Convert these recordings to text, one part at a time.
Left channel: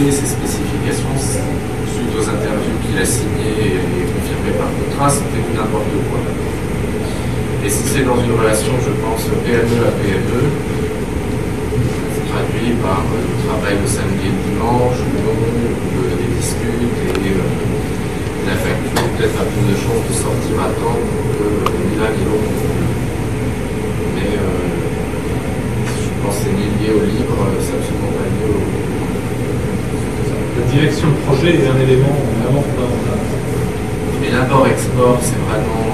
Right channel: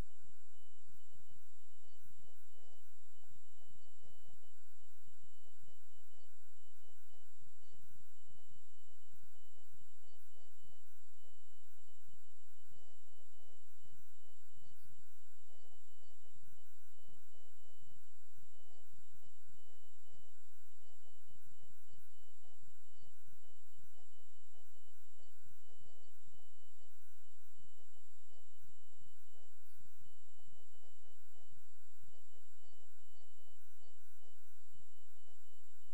donné ses spécifications suite aux interviews qu'il a signées et confirmées par contrat, c'était du n'importe quoi. Et si c'est dans une relation, je pense, PME à PME, c'est traduit par le travail le samedi et le dimanche, ou non, ou des disputes, et la facture peut-être a plus de chances de sortir à temps que ni l'un ni l'autre. Mais je pense que c'est ni lié au libre, c'est absolument pas lié au... La direction de projet est un élément vraiment fondamental. Et l'import-export, c'est vraiment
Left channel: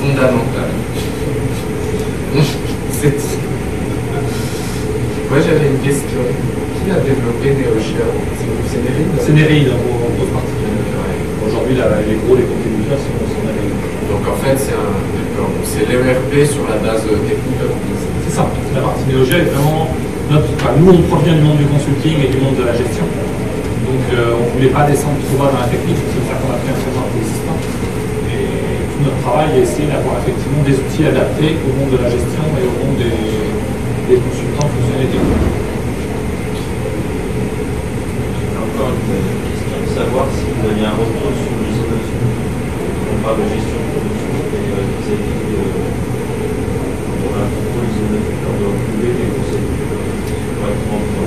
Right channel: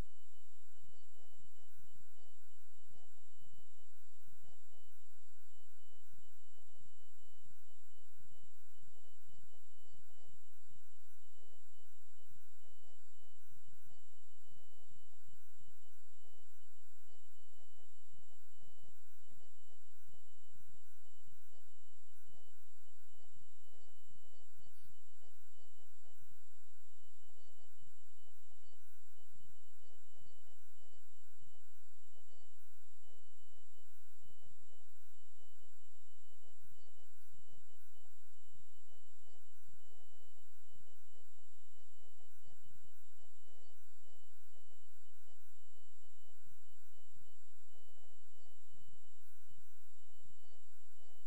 fondamental. Moi, j'avais une question. Qui a développé NeoShare? C'est Nereid? C'est Nereid, en grosse partie. Aujourd'hui, les contributeurs sont Nereid. Donc en fait, c'est l'ERP sur la base technique de l'entreprise. C'est ça. La partie NeoShare est vraiment nous, on provient du monde du consulting et du monde de la gestion. Donc, on ne voulait pas descendre trop bas dans la technique, c'est pour ça qu'on a pris un framework existant. Et tout notre travail est essayer d'avoir effectivement des outils adaptés au monde de la gestion et au monde des consultants fonctionnels et techniques. Encore une question de savoir si vous aviez un retour sur l'isolation. On parle de gestion de production et vis-à-vis de la contrôle isolation, on doit trouver les procédures correctement mises.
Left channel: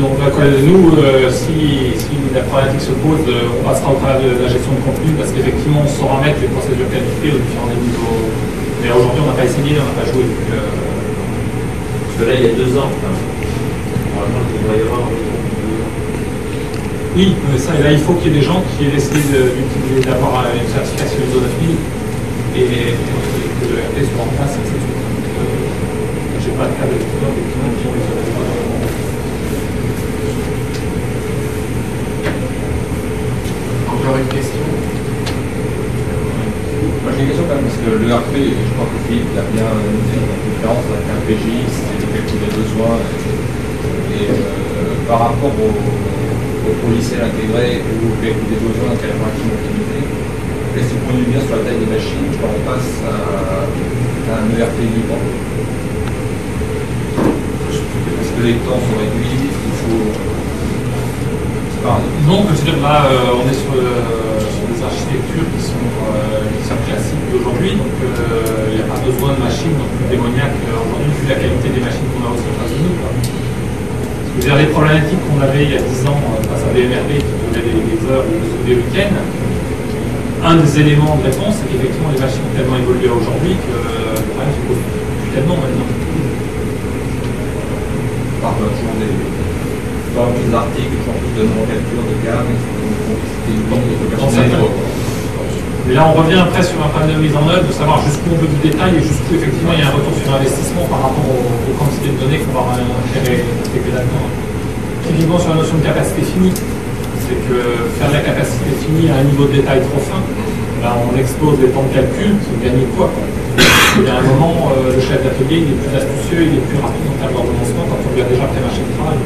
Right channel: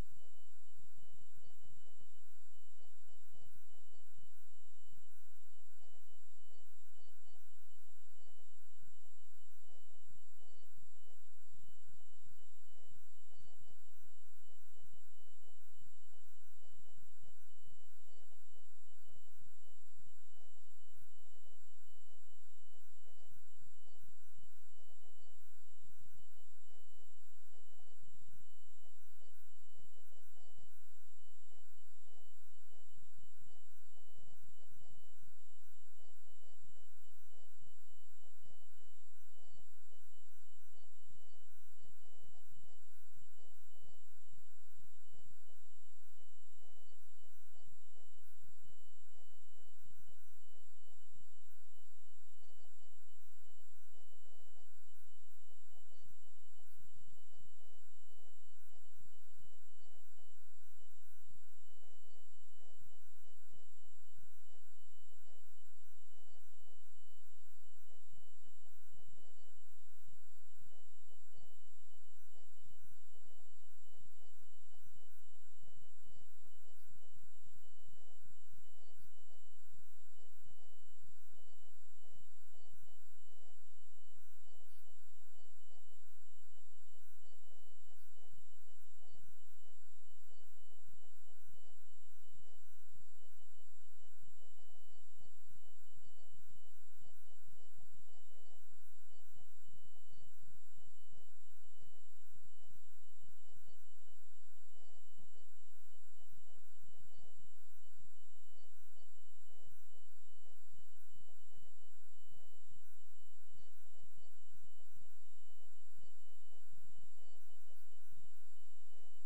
Donc, nous, si la problématique se pose, on passera au travers de la gestion de contenu parce qu'effectivement, on saura mettre les procédures qualifiées aux différents niveaux. Mais aujourd'hui, on n'a pas essayé, on n'a pas joué. Donc, parce que là, il y a 2 ans, normalement, il devrait y avoir un retour de 2 ans. Oui, ça, et là, il faut qu'il y ait des gens qui aient décidé d'utiliser, d'avoir une certification ISO 9000 et que le RP soit en place, etc. Je n'ai pas de cas de clients qui ont ISO 9000. Encore une question? Moi j'ai une question quand même, parce que le RP, je crois que Philippe l'a bien dit dans la conférence, avec un PGI, c'est le calcul des besoins. Et par rapport au logiciel intégré ou au calcul des besoins, quelle information optimisée, est-ce que vous bien sur la taille des machines, quand on passe à un ERP libre? Parce que les temps sont réduits, il faut... Non, je veux dire, là, on est sur des architectures qui sont classiques d'aujourd'hui, donc il n'y a pas besoin de machines non plus démoniaques aujourd'hui, vu la qualité des machines qu'on a aux États-Unis. Je veux dire, les problématiques qu'on avait il y a 10 ans face à BMRB qui donnait des heures ou des week-ends, un des éléments de réponse, c'est qu'effectivement les machines ont tellement évolué aujourd'hui que le problème se pose plus tellement maintenant. Par toujours des articles, plus de nomenclature de gamme, mais là, on revient après sur un panel de mise en œuvre, de savoir jusqu'où on veut du détail et jusqu'où effectivement il y a un retour sur investissement par rapport aux quantités de données qu'on va intégrer là-dedans. Typiquement sur la notion de capacité finie, c'est que faire de la capacité finie à un niveau de détail trop fin, là, on explose les temps de calcul, c'est gagner quoi. Il y a un moment, le chef d'atelier, il est plus astucieux, il est plus rapide en termes d'ordonnancement quand on lui a déjà pré-marché le travail.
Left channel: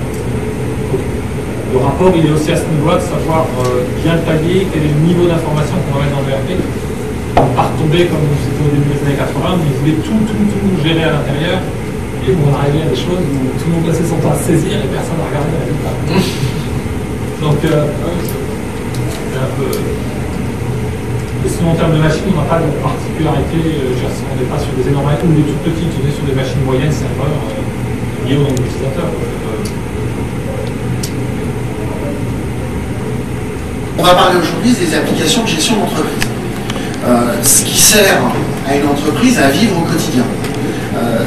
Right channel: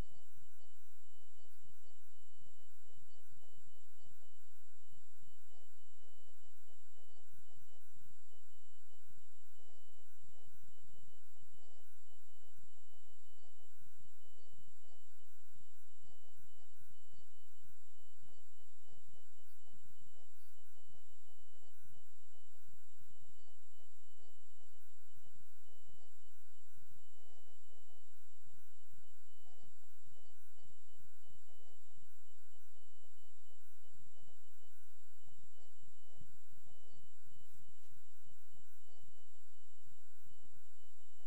Le rapport, il est aussi à ce niveau-là de savoir bien tailler quel est le niveau d'information qu'on va mettre dans le ERP. On ne pas retomber comme c'était au début des années 80, où ils voulaient tout gérer à l'intérieur, et où on arrivait à des choses où tout le monde passait son temps à saisir et personne n'a regardé la résultat. Donc, c'est un peu... Et sinon, en termes de machines, on n'a pas de particularité, on n'est pas sur des énormes ou des toutes petites, on est sur des machines moyennes, serveurs, liées au nombre d'utilisateurs. On va parler aujourd'hui des applications de gestion d'entreprise. Ce qui sert à une entreprise à vivre au quotidien.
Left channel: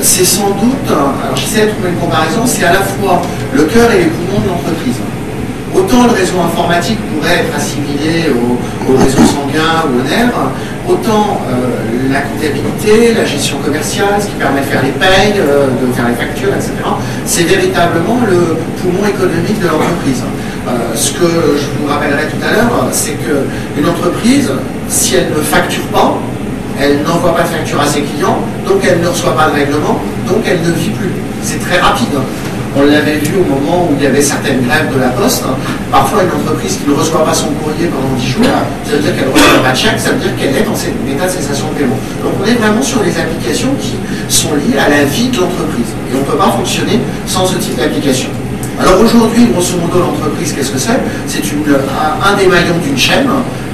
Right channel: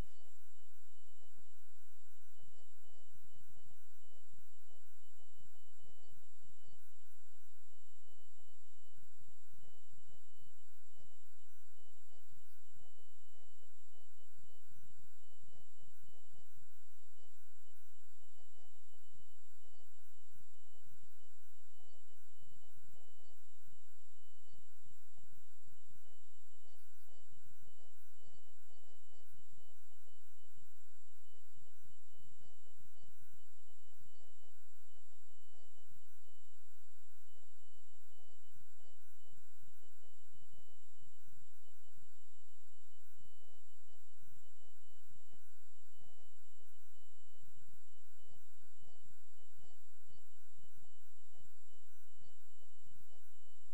C'est sans doute, alors j'essaie de trouver une comparaison, c'est à la fois le cœur et les poumons de l'entreprise. Autant le réseau informatique pourrait être assimilé au réseau sanguin ou au nerf, autant la comptabilité, la gestion commerciale, ce qui permet de faire les payes, de faire les factures, etc., c'est véritablement le poumon économique de l'entreprise. Ce que je vous rappellerai tout à l'heure, c'est qu'une entreprise, si elle ne facture pas, elle n'envoie pas de facture à ses clients, donc elle ne reçoit pas de règlement, donc elle ne vit plus. C'est très rapide. On l'avait vu au moment où il y avait certaines grèves de la Poste. Parfois, une entreprise qui ne reçoit pas son courrier pendant 10 jours, ça veut dire qu'elle ne reçoit pas de chèque, ça veut dire qu'elle est dans cet état de cessation de paiement. Donc on est vraiment sur des applications qui sont liées à la vie de l'entreprise. Et on ne peut pas fonctionner sans ce type d'application. Alors aujourd'hui, grosso modo, l'entreprise, qu'est-ce que c'est? C'est un des maillons d'une chaîne.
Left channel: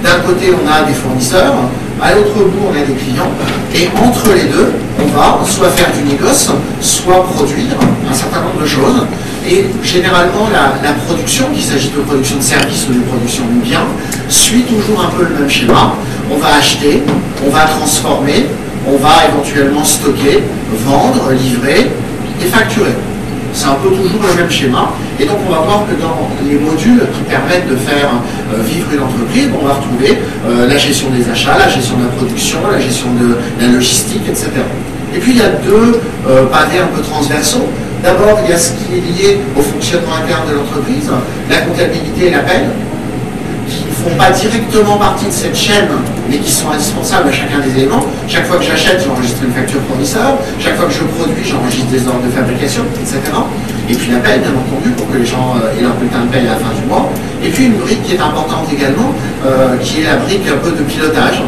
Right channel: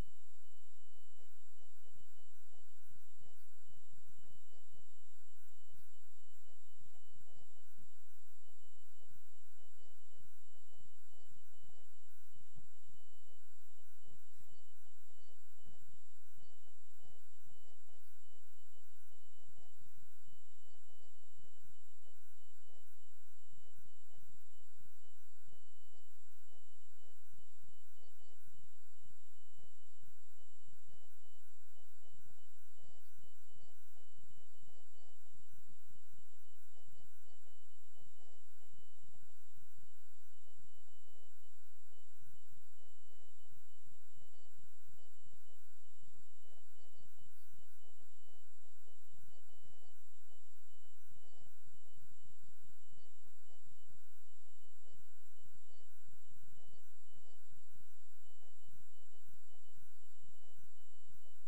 D'un côté, on a des fournisseurs, à l'autre bout, on a des clients, et entre les deux, on va soit faire du négoce, soit produire un certain nombre de choses. Et généralement, la production, qu'il s'agisse de production de services ou de production de biens, suit toujours un peu le même schéma. On va acheter, on va transformer, on va éventuellement stocker, vendre, livrer et facturer. C'est un peu toujours le même schéma. Et donc on va voir que dans les modules qui permettent de faire vivre une entreprise, on va retrouver la gestion des achats, la gestion de la production, la gestion de la logistique, etc. Et puis il y a deux pavés un peu transversaux. D'abord, il y a ce qui est lié au fonctionnement interne de l'entreprise, la comptabilité et la paie, qui ne font pas directement partie de cette chaîne, mais qui sont indispensables à chacun des éléments. Chaque fois que j'achète, j'enregistre une facture fournisseur. Chaque fois que je produis, j'enregistre des ordres de fabrication, etc. Et puis la paie, bien entendu, pour que les gens aient leur bulletin de paie à la fin du mois. Et puis une brique qui est importante également, qui est la brique un peu de pilotage.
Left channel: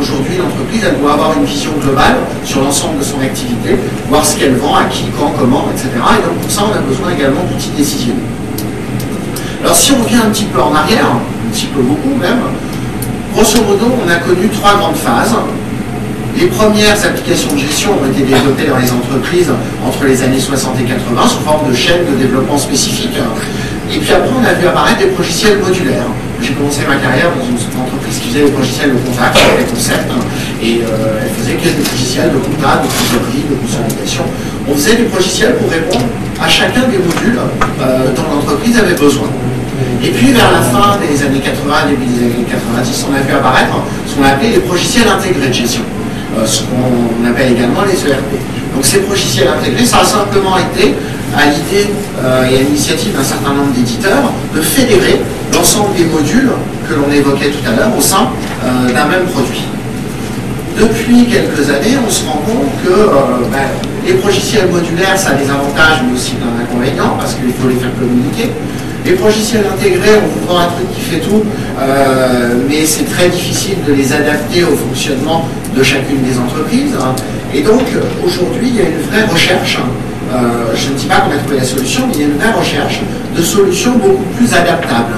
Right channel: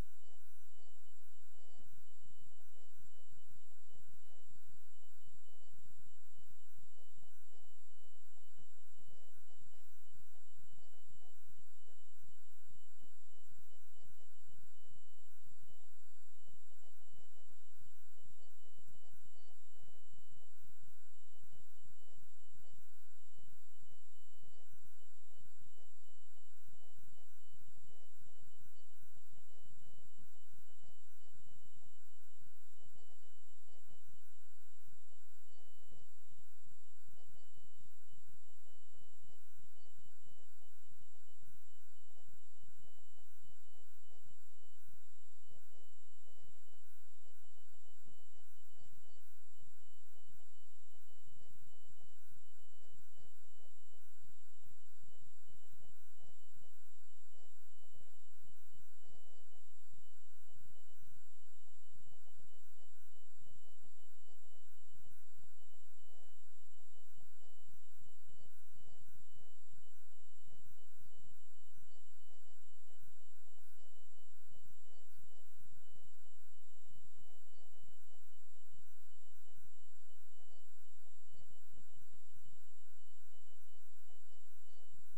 Aujourd'hui, l'entreprise, elle doit avoir une vision globale sur l'ensemble de son activité, voir ce qu'elle vend, à qui, quand, comment, etc. Et donc pour ça, on a besoin également d'outils décisionnels. Alors si on revient un petit peu en arrière, un petit peu beaucoup même, grosso modo, on a connu trois grandes phases. Les premières applications de gestion ont été développées dans les entreprises entre les années 60 et 80 sous forme de chaînes de développement spécifiques. Et puis après, on a vu apparaître des logiciels modulaires. J'ai commencé ma carrière dans une entreprise qui faisait des logiciels de contact, des concepts, et elle faisait quelques logiciels de compta, de trésorerie, de consolidation. On faisait des logiciels pour répondre à chacun des modules dont l'entreprise avait besoin. Et puis vers la fin des années 80, début des années 90, on a vu apparaître ce qu'on appelait les logiciels intégrés de gestion, ce qu'on appelle également les ERP. Donc ces logiciels intégrés, ça a simplement été à l'idée et à l'initiative d'un certain nombre d'éditeurs de fédérer l'ensemble des modules que l'on évoquait tout à l'heure au sein d'un même produit. Depuis quelques années, on se rend compte que les logiciels modulaires, ça a des avantages mais aussi plein d'inconvénients parce qu'il faut les faire communiquer. Les logiciels intégrés, on vous vend un truc qui fait tout, mais c'est très difficile de les adapter au fonctionnement de chacune des entreprises. Et donc, aujourd'hui, il y a une vraie recherche, je ne dis pas qu'on a trouvé la solution, mais il y a une vraie recherche de solutions beaucoup plus adaptables.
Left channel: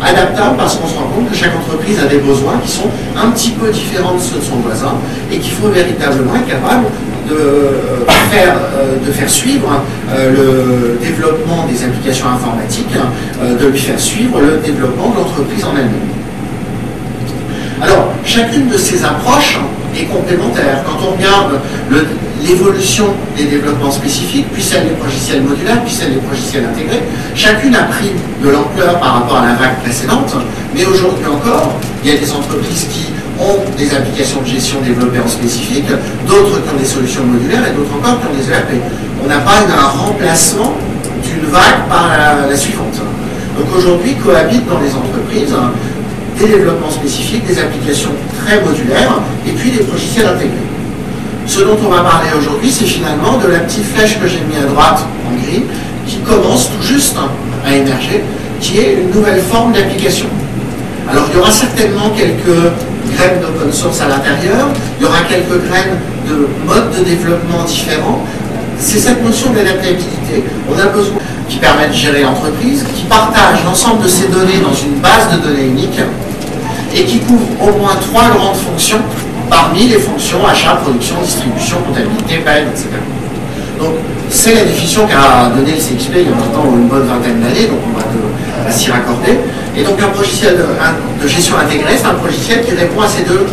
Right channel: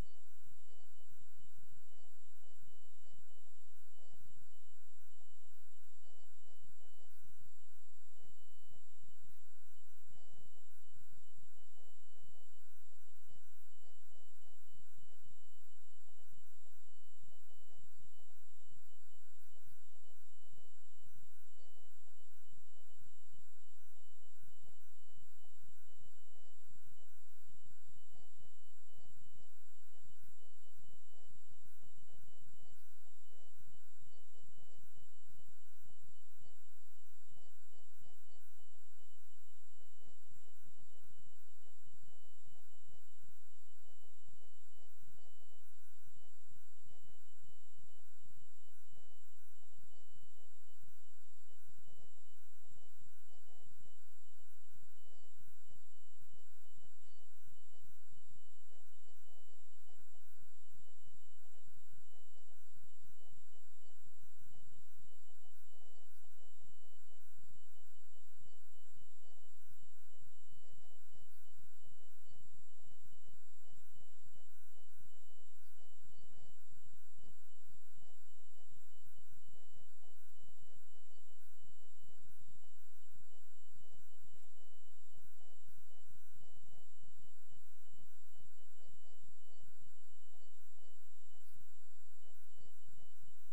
Adaptables parce qu'on se rend compte que chaque entreprise a des besoins qui sont un petit peu différents de ceux de son voisin et qu'il faut véritablement être capable de faire suivre le développement des applications informatiques, de lui faire suivre le développement de l'entreprise en elle-même. Alors, chacune de ces approches est complémentaire. Quand on regarde l'évolution des développements spécifiques, puis celle des logiciels modulaires, puis celle des logiciels intégrés, chacune a pris de l'ampleur par rapport à la vague précédente, mais aujourd'hui encore, il y a des entreprises qui ont des applications de gestion développées en spécifique, d'autres qui ont des solutions modulaires et d'autres encore qui ont des ERP. On n'a pas un remplacement d'une vague par la suivante. Donc aujourd'hui, cohabitent dans les entreprises des développements spécifiques, des applications très modulaires et puis des logiciels intégrés. Ce dont on va parler aujourd'hui, c'est finalement de la petite flèche que j'ai mis à droite en gris qui commence tout juste à émerger, qui est une nouvelle forme d'application. Alors il y aura certainement quelques graines d'open source à l'intérieur, il y aura quelques graines de modes de développement différents. C'est cette notion d'adaptabilité. On a besoin qui permet de gérer l'entreprise, qui partage l'ensemble de ces données dans une base de données unique et qui couvre au moins trois grandes fonctions parmi les fonctions achat, production, distribution, comptabilité, paie, etc. Donc c'est la définition qu'a donnée le CXP il y a maintenant une bonne vingtaine d'années, donc on va s'y raccorder. Et donc un logiciel de gestion intégrée, c'est un logiciel qui répond à ces deux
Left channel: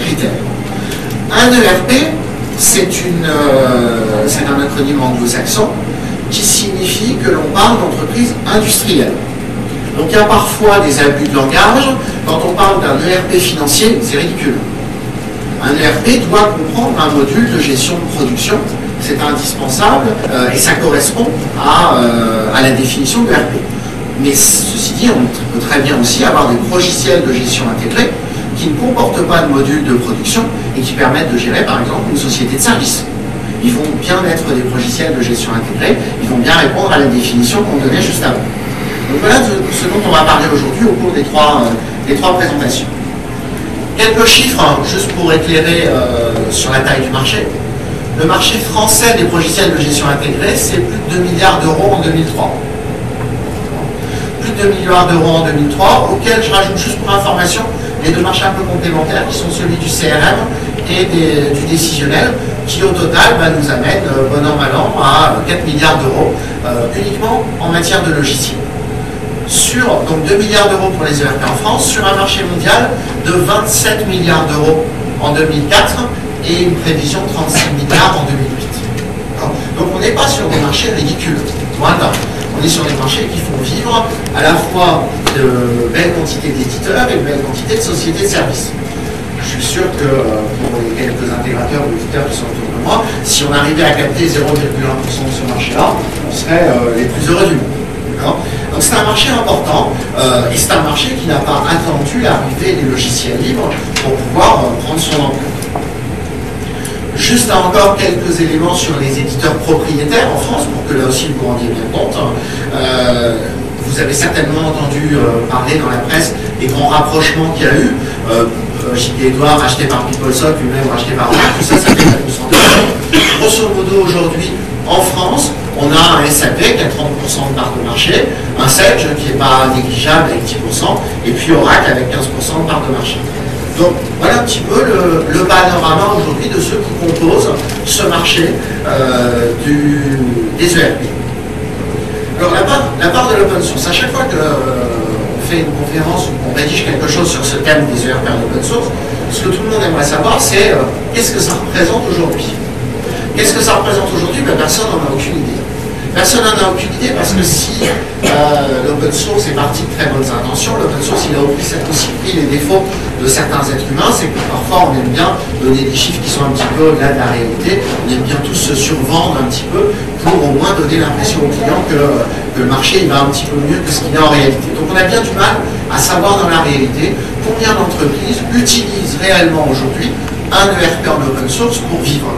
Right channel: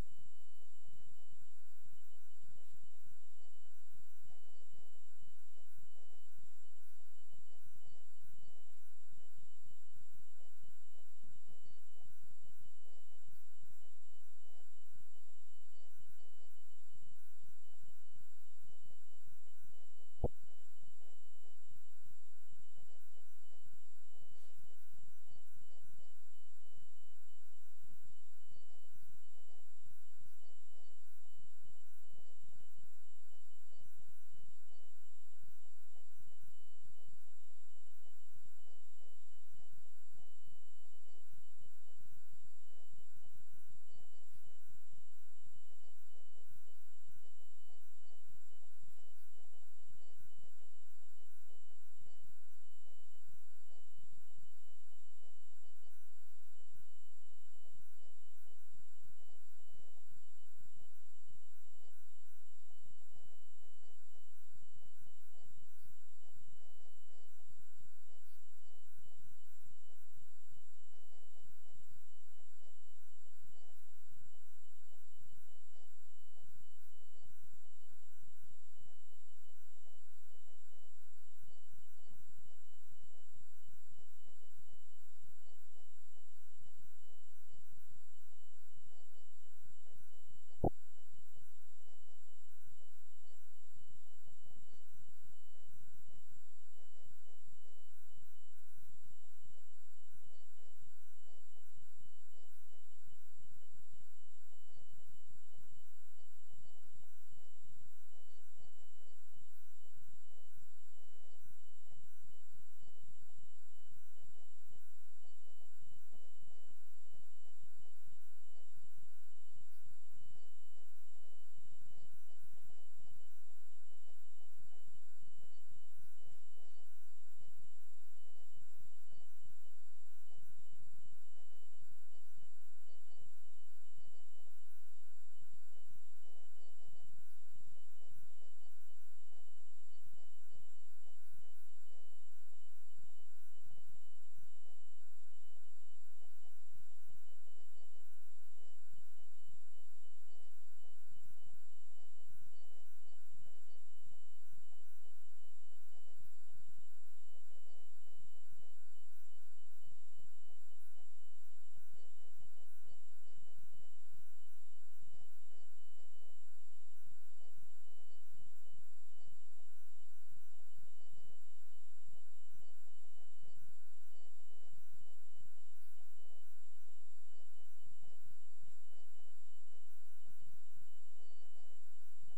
critères. Un ERP, c'est un acronyme anglo-saxon qui signifie que l'on parle d'entreprise industrielle. Donc il y a parfois des abus de langage. Quand on parle d'un ERP financier, c'est ridicule. Un ERP doit comprendre un module de gestion de production. C'est indispensable et ça correspond à la définition de l'ERP. Mais ceci dit, on peut très bien aussi avoir des logiciels de gestion intégrés qui ne comportent pas de module de production et qui permettent de gérer par exemple une société de service. ils vont bien être des logiciels de gestion intégrée, ils vont bien répondre à la définition qu'on donnait juste avant. Donc voilà ce dont on va parler aujourd'hui au cours des trois présentations. Quelques chiffres, hein, juste pour éclairer sur la taille du marché. Le marché français des logiciels de gestion intégrée, c'est plus de 2 milliards d'euros en 2003. Plus de 2 milliards d'euros en 2003, auquel je rajoute juste pour information les deux marchés un peu complémentaires, qui sont celui du CRM et du décisionnel, qui au total nous amène, bon an, mal an, à 4 milliards d'euros, uniquement en matière de logiciels. Donc 2 milliards d'euros pour les ERP en France, sur un marché mondial de 27 milliards d'euros en 2004 et une prévision de 36 milliards en 2008. Donc on n'est pas sur des marchés ridicules, loin de là. On est sur des marchés qui font vivre à la fois de belles quantités d'éditeurs et de belles quantités de sociétés de services. Je suis sûr que pour les quelques intégrateurs ou éditeurs qui sont autour de moi, si on arrivait à capter 0,1% de ce marché-là, on serait les plus heureux du monde. Donc c'est un marché important et c'est un marché qui n'a pas attendu l'arrivée des logiciels libres pour pouvoir prendre son ampleur. Juste encore quelques éléments sur les éditeurs propriétaires en France, pour que là aussi vous vous rendiez bien compte. Vous avez certainement entendu parler dans la presse des grands rapprochements qu'il y a eu. JP Edouard racheté par PeopleSoft, lui-même racheté par Oracle, tout ça, ça fait 4%. Grosso modo, aujourd'hui, en France, on a un SAP qui a 30% de part de marché, un Sage qui n'est pas négligeable avec 10%, et puis Oracle avec 15% de part de marché. Donc voilà un petit peu le panorama aujourd'hui de ceux qui composent ce marché des ERP. Alors la part de l'open source, à chaque fois qu'on fait une conférence ou qu'on rédige quelque chose sur ce thème des ERP en open source, ce que tout le monde aimerait savoir, c'est qu'est-ce que ça représente aujourd'hui. Qu'est-ce que ça représente aujourd'hui? Personne n'en a aucune idée. Personne n'en a aucune idée parce que si l'open source est parti de très bonnes intentions, l'open source il a aussi pris les défauts de certains êtres humains, c'est que parfois on aime bien donner des chiffres qui sont un petit peu au-delà de la réalité, on aime bien tous se survendre un petit peu pour au moins donner l'impression aux clients que le marché il va un petit peu mieux que ce qu'il est en réalité. Donc on a bien du mal à savoir dans la réalité combien d'entreprises utilisent réellement aujourd'hui un ERP en open source pour vivre.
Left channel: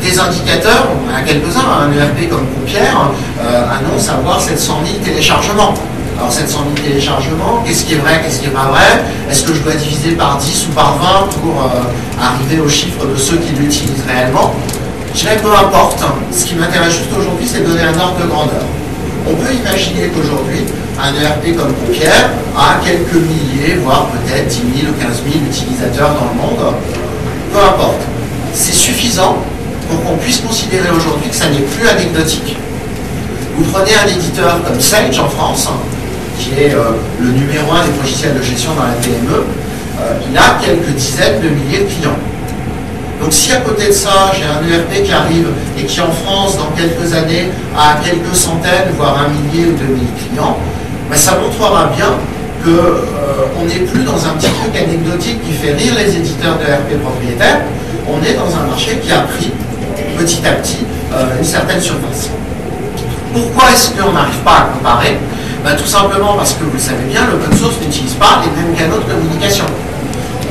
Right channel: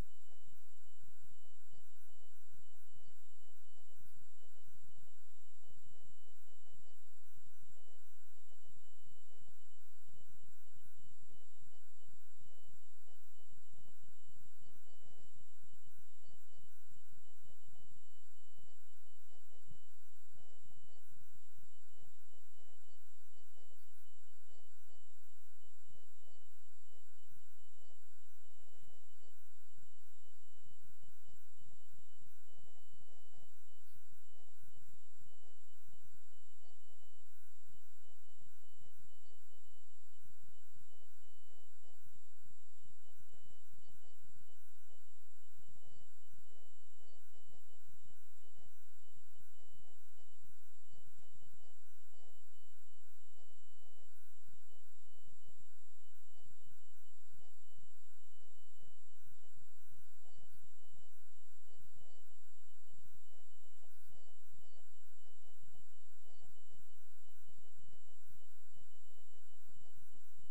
Des indicateurs, on a quelques-uns, un ERP comme Pompière annonce avoir 700 000 téléchargements. Alors 700 000 téléchargements, qu'est-ce qui est vrai, qu'est-ce qui n'est pas vrai? Est-ce que je dois diviser par 10 ou par 20 pour arriver au chiffre de ceux qui l'utilisent réellement? Je dirais peu importe. Ce qui m'intéresse juste aujourd'hui, c'est de donner un ordre de grandeur. On peut imaginer qu'aujourd'hui, un ERP comme Pompière a quelques milliers, voire peut-être 10 000 ou 15 000 utilisateurs dans le monde. Peu importe. C'est suffisant pour qu'on puisse considérer aujourd'hui que ça n'est plus anecdotique. Vous prenez un éditeur comme Sage en France, qui est le numéro 1 des logiciels de gestion dans la PME, il a quelques dizaines de milliers de clients. Donc si à côté de ça, j'ai un ERP qui arrive et qui en France, dans quelques années, a quelques centaines, voire un millier ou 2000 clients, ça montrera bien qu'on n'est plus dans un petit truc anecdotique qui fait rire les éditeurs de ERP propriétaires, on est dans un marché qui a pris petit à petit une certaine surface. Pourquoi est-ce qu'on n'arrive pas à comparer? Tout simplement parce que vous le savez bien, l'open source n'utilise pas les mêmes canaux de communication.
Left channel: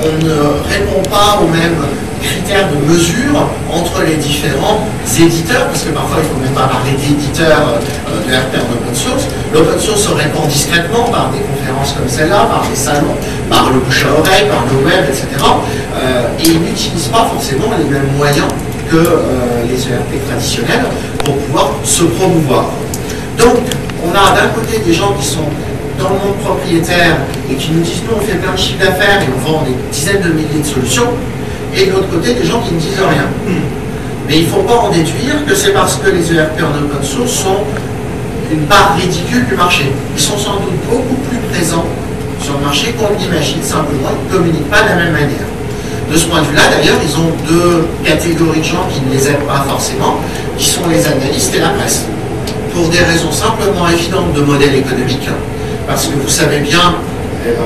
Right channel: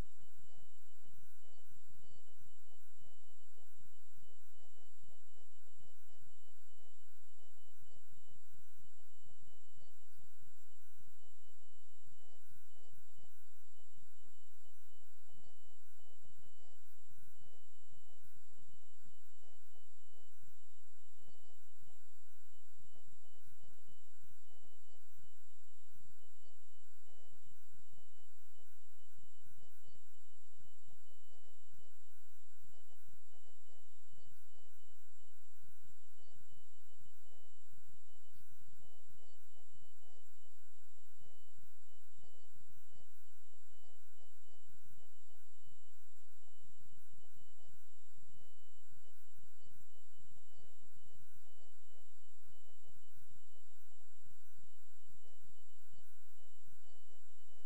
On ne répond pas aux mêmes critères de mesure entre les différents éditeurs, parce que parfois il ne faut même pas parler d'éditeurs de RP en open source. L'open source se répand discrètement par des conférences comme celle-là, par des salons, par le bouche à oreille, par le web, etc. Et ils n'utilisent pas forcément les mêmes moyens que les ERP traditionnels pour pouvoir se promouvoir. Donc, on a d'un côté des gens qui sont dans le monde propriétaire et qui nous disent nous on fait plein de chiffres d'affaires et on vend des dizaines de milliers de solutions, et de l'autre côté des gens qui ne disent rien. Mais il ne faut pas en déduire que c'est parce que les ERP en open source sont une part ridicule du marché. Ils sont sans doute beaucoup plus présents sur le marché qu'on l'imagine, simplement ils ne communiquent pas de la même manière. De ce point de vue-là, d'ailleurs, ils ont deux catégories de gens qui ne les aiment pas forcément, qui sont les analystes et la presse. Pour des raisons simplement évidentes de modèle économique, parce que vous savez bien,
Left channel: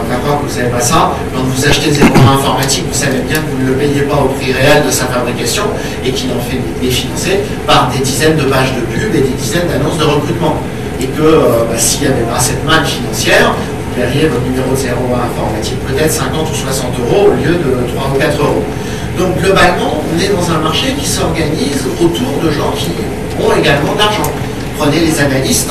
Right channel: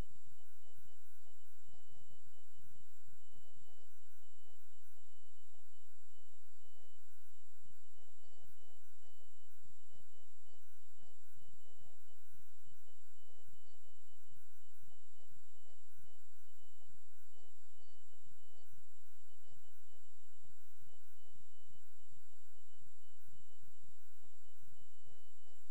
d'accord, que vous ne savez pas ça, quand vous achetez des équipements informatiques, vous savez bien que vous ne le payez pas au prix réel de sa fabrication et qu'il en fait est financé par des dizaines de pages de pub et des dizaines d'annonces de recrutement. Et que s'il n'y avait pas cette manne financière, vous paieriez votre numéro de 01 informatique peut-être 50 ou 60 € au lieu de 3 ou 4 €. Donc globalement, on est dans un marché qui s'organise autour de gens qui ont également de l'argent. Prenez les analystes,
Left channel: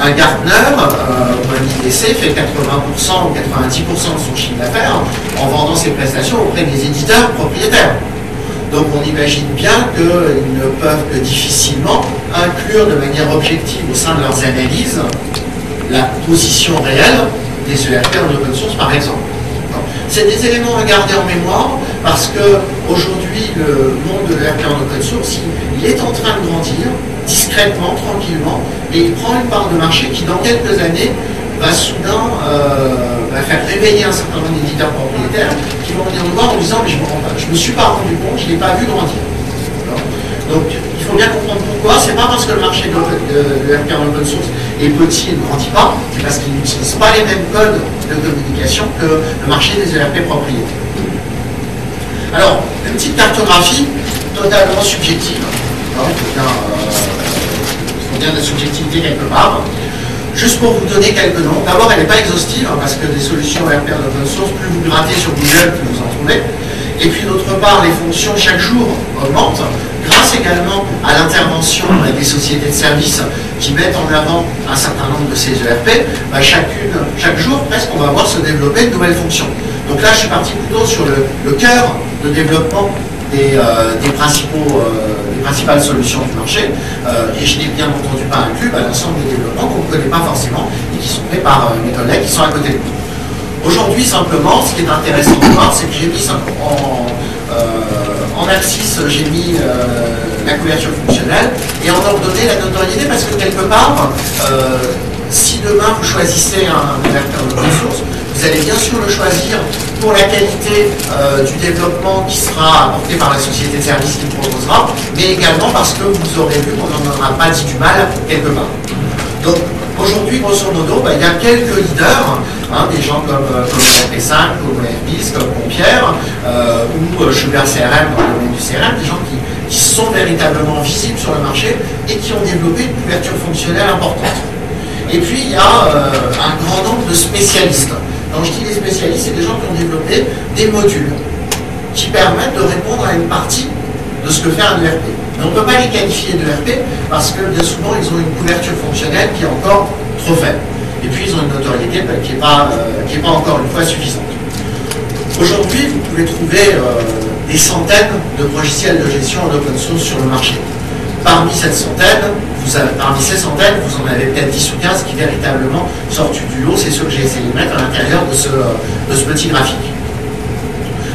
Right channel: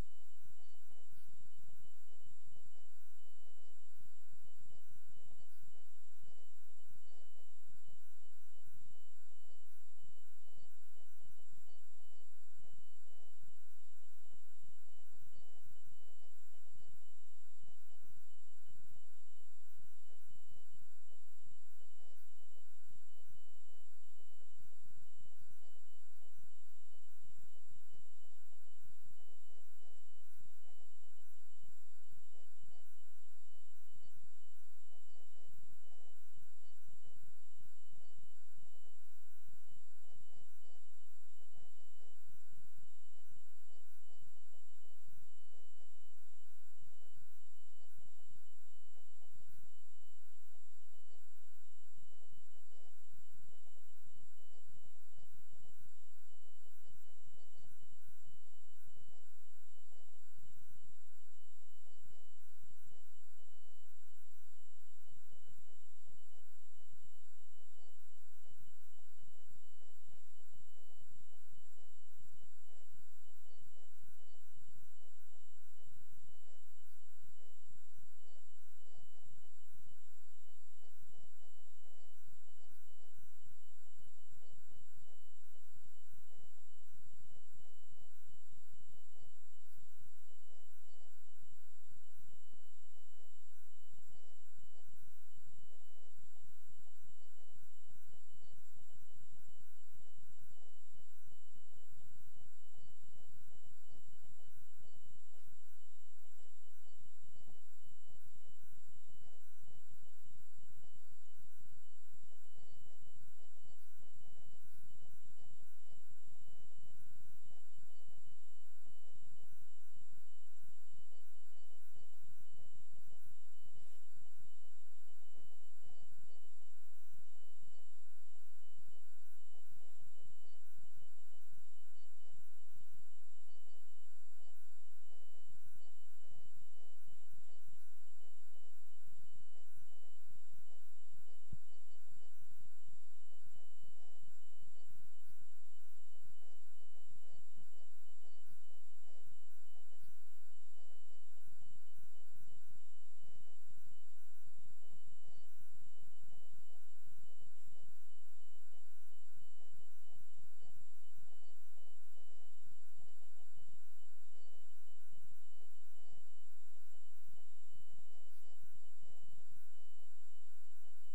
un Gartner, ou un IDC fait 80% ou 90% de son chiffre d'affaires en vendant ses prestations auprès des éditeurs propriétaires. Donc on imagine bien qu'ils ne peuvent que difficilement inclure de manière objective au sein de leurs analyses la position réelle des ERP en open source par exemple. C'est des éléments à garder en mémoire parce qu'aujourd'hui le monde de l'ERP en open source il est en train de grandir discrètement, tranquillement, et il prend une part de marché qui dans quelques années va soudain faire réveiller un certain nombre d'éditeurs propriétaires qui vont venir nous voir en disant mais je ne me suis pas rendu compte, je ne l'ai pas vu grandir. Donc il faut bien comprendre pourquoi. C'est pas parce que le marché de l'ERP en open source est petit et ne grandit pas, c'est parce qu'ils n'utilisent pas les mêmes codes de communication que le marché des ERP propriétaires. Alors, une petite cartographie totalement subjective. Il faut bien de la subjectivité quelque part. Juste pour vous donner quelques noms. D'abord, elle n'est pas exhaustive, parce que des solutions ERP en open source, plus vous grattez sur Google, plus vous en trouvez. Et puis d'autre part, les fonctions chaque jour augmentent, grâce également à l'intervention des sociétés de services qui mettent en avant un certain nombre de ces ERP. Chaque jour, presque, on va voir se développer de nouvelles fonctions. Donc là, je suis parti plutôt sur le cœur de développement des principales solutions du marché, et je n'ai bien entendu pas inclus l'ensemble des développements qu'on ne connaît pas forcément et qui sont faits par mes collègues qui sont à côté de nous. Aujourd'hui, simplement, ce qui est intéressant de voir, c'est que j'ai mis en axis, j'ai mis la couverture fonctionnelle et en ordonnée la notoriété, parce que quelque part, si demain vous choisissez un ERP en open source, vous allez bien sûr le choisir pour la qualité du développement qui sera apporté par la société de service qui le proposera, mais également parce que vous aurez vu qu'on n'en aura pas dit du mal quelque part. Donc aujourd'hui, grosso modo, il y a quelques leaders, des gens comme RP5, comme Airbus, comme Compierre, ou Sugar CRM dans le domaine du CRM, des gens qui sont véritablement visibles sur le marché et qui ont développé une couverture fonctionnelle importante. Et puis il y a un grand nombre de spécialistes. Quand je dis des spécialistes, c'est des gens qui ont développé des modules qui permettent de répondre à une partie de ce que fait un ERP. Mais on ne peut pas les qualifier d'ERP parce que bien souvent ils ont une couverture fonctionnelle qui est encore trop faible. Et puis ils ont une notoriété qui n'est pas encore une fois suffisante. Aujourd'hui, vous pouvez trouver des centaines de logiciels de gestion en open source sur le marché. Parmi ces centaines, vous en avez peut-être 10 ou 15 qui véritablement sortent du lot. C'est ceux que j'ai essayé de mettre à l'intérieur de ce petit graphique.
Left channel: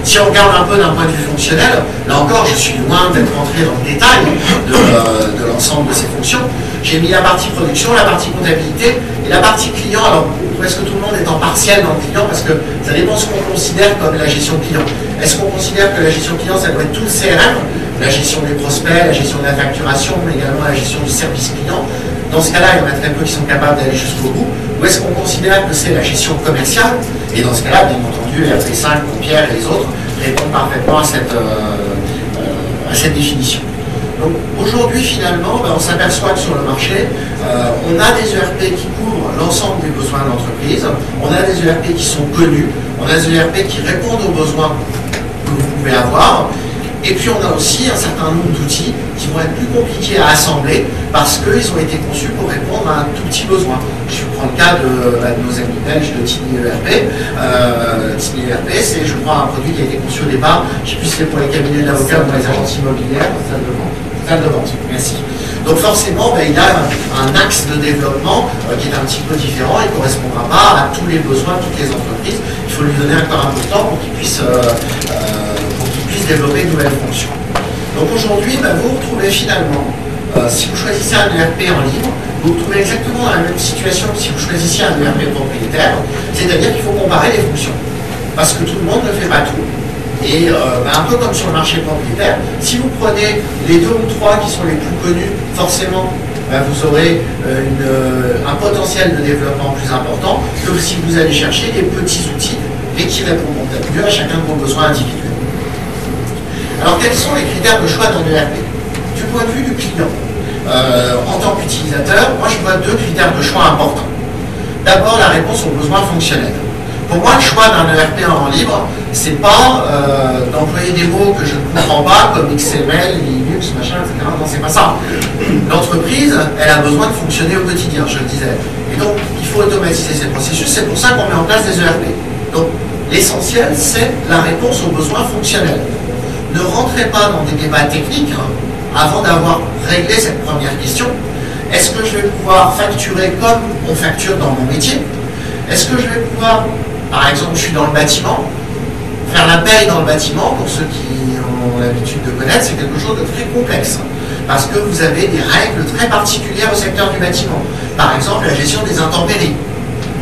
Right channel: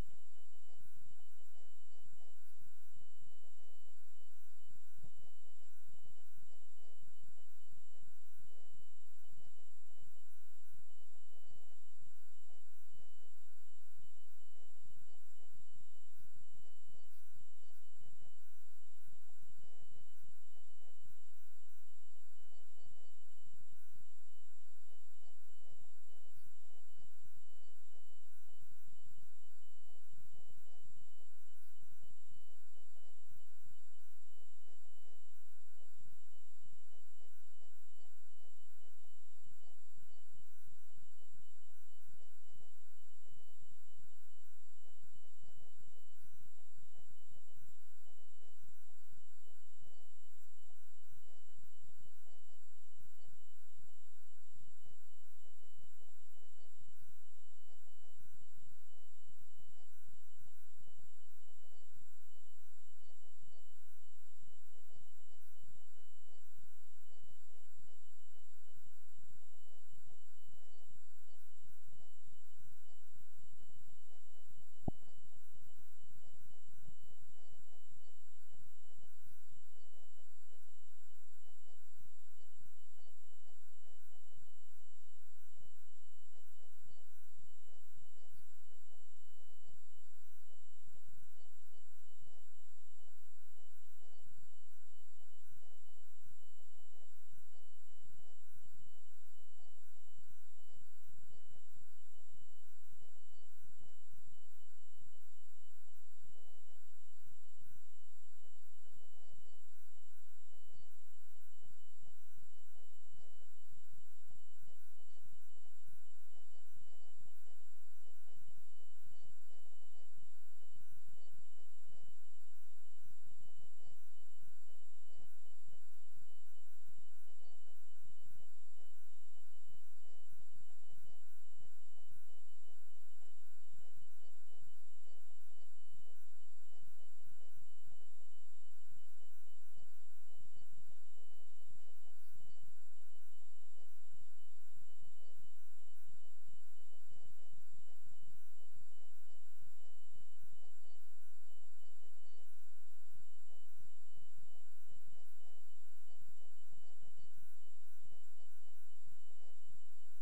Si on regarde un peu d'un point de vue fonctionnel, là encore, je suis loin d'être rentré dans le détail de l'ensemble de ces fonctions. J'ai mis la partie production, la partie comptabilité et la partie client. Alors, presque tout le monde est en partiel dans le client parce que ça dépend de ce qu'on considère comme la gestion client. Est-ce qu'on considère que la gestion client, ça doit être tout le CRM, la gestion des prospects, la gestion de la facturation, mais également la gestion du service client? Dans ce cas-là, il y en a très peu qui sont capables d'aller jusqu'au bout. Ou est-ce qu'on considère que c'est la gestion commerciale? Et dans ce cas-là, bien entendu, RP5, Compierre et les autres répondent parfaitement à cette définition. Donc aujourd'hui, finalement, on s'aperçoit que sur le marché, on a des ERP qui couvrent l'ensemble des besoins de l'entreprise, on a des ERP qui sont connus, on a des ERP qui répondent aux besoins que vous pouvez avoir. Et puis on a aussi un certain nombre d'outils qui vont être plus compliqués à assembler parce qu'ils ont été conçus pour répondre à un tout petit besoin. Je prends le cas de nos amis belges de Tiny ERP. Tiny ERP, c'est, je crois, un produit qui a été conçu au départ, je ne sais plus si c'est pour les cabinets d'avocats ou pour les agences immobilières, salle de vente. Merci. Donc forcément, il y a un axe de développement qui est un petit peu différent et ne correspondra pas à tous les besoins de toutes les entreprises. Il faut lui donner encore un peu de temps pour qu'il puisse développer de nouvelles fonctions. Donc aujourd'hui, vous retrouvez finalement, si vous choisissez un ERP en libre, vous vous trouvez exactement dans la même situation que si vous choisissiez un ERP propriétaire, c'est-à-dire qu'il faut comparer les fonctions. Parce que tout le monde ne fait pas tout. Et un peu comme sur le marché propriétaire, si vous prenez les 2 ou 3 qui sont les plus connus, forcément, vous aurez un potentiel de développement plus important que si vous allez chercher des petits outils et qui répondront peut-être mieux à chacun de vos besoins individuels. Alors, quels sont les critères de choix d'un ERP? Du point de vue du client, en tant qu'utilisateur, moi je vois 2 critères de choix importants. D'abord, la réponse aux besoins fonctionnels. Pour moi, le choix d'un ERP en libre, c'est pas d'employer des mots que je ne comprends pas, comme XML, Linux, machin, etc. Non, c'est pas ça. L'entreprise, elle a besoin de fonctionner au quotidien, je le disais. Et donc, il faut automatiser ces processus. C'est pour ça qu'on met en place des ERP. Donc, l'essentiel, c'est la réponse aux besoins fonctionnels. Ne rentrez pas dans des débats techniques avant d'avoir réglé cette première question. Est-ce que je vais pouvoir facturer comme on facture dans mon métier? Est-ce que je vais pouvoir, par exemple, je suis dans le bâtiment, faire la paye dans le bâtiment, pour ceux qui ont l'habitude de connaître, c'est quelque chose de très complexe. Parce que vous avez des règles très particulières au secteur du bâtiment. Par exemple, la gestion des intempéries.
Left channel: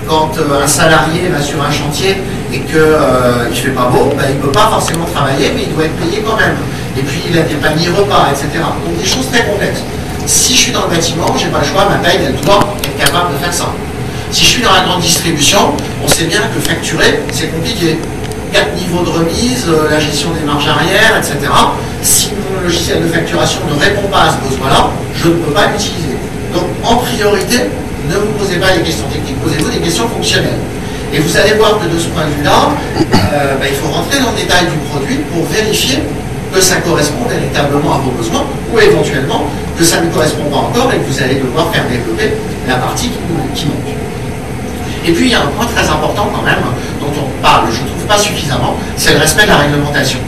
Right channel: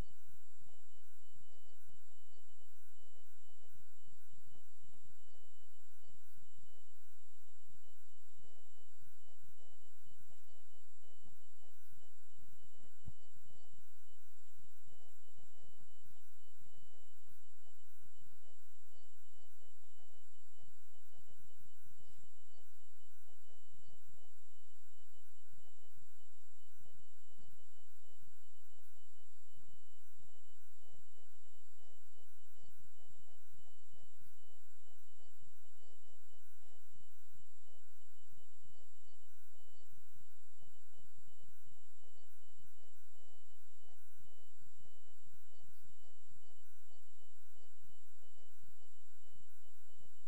Quand un salarié va sur un chantier et qu'il ne fait pas beau, ben, il ne peut pas forcément travailler, mais il doit être payé quand même. Et puis il a des paniers repas, etc. Donc des choses très complexes. Si je suis dans le bâtiment, je n'ai pas le choix, ma paye, elle doit être capable de faire ça. Si je suis dans la grande distribution, on sait bien que facturer, c'est compliqué. 4 niveaux de remise, la gestion des marges arrière, etc. Si mon logiciel de facturation ne répond pas à ce besoin-là, je ne peux pas l'utiliser. Donc en priorité, ne vous posez pas des questions techniques, posez-vous des questions fonctionnelles. Et vous allez voir que de ce point de vue-là, il faut rentrer dans le détail du produit pour vérifier que ça correspond véritablement à vos besoins, ou éventuellement que ça ne correspond pas encore et que vous allez devoir faire développer la partie qui manque. Et puis il y a un point très important quand même, dont on parle, je ne trouve pas suffisamment, c'est le respect de la réglementation.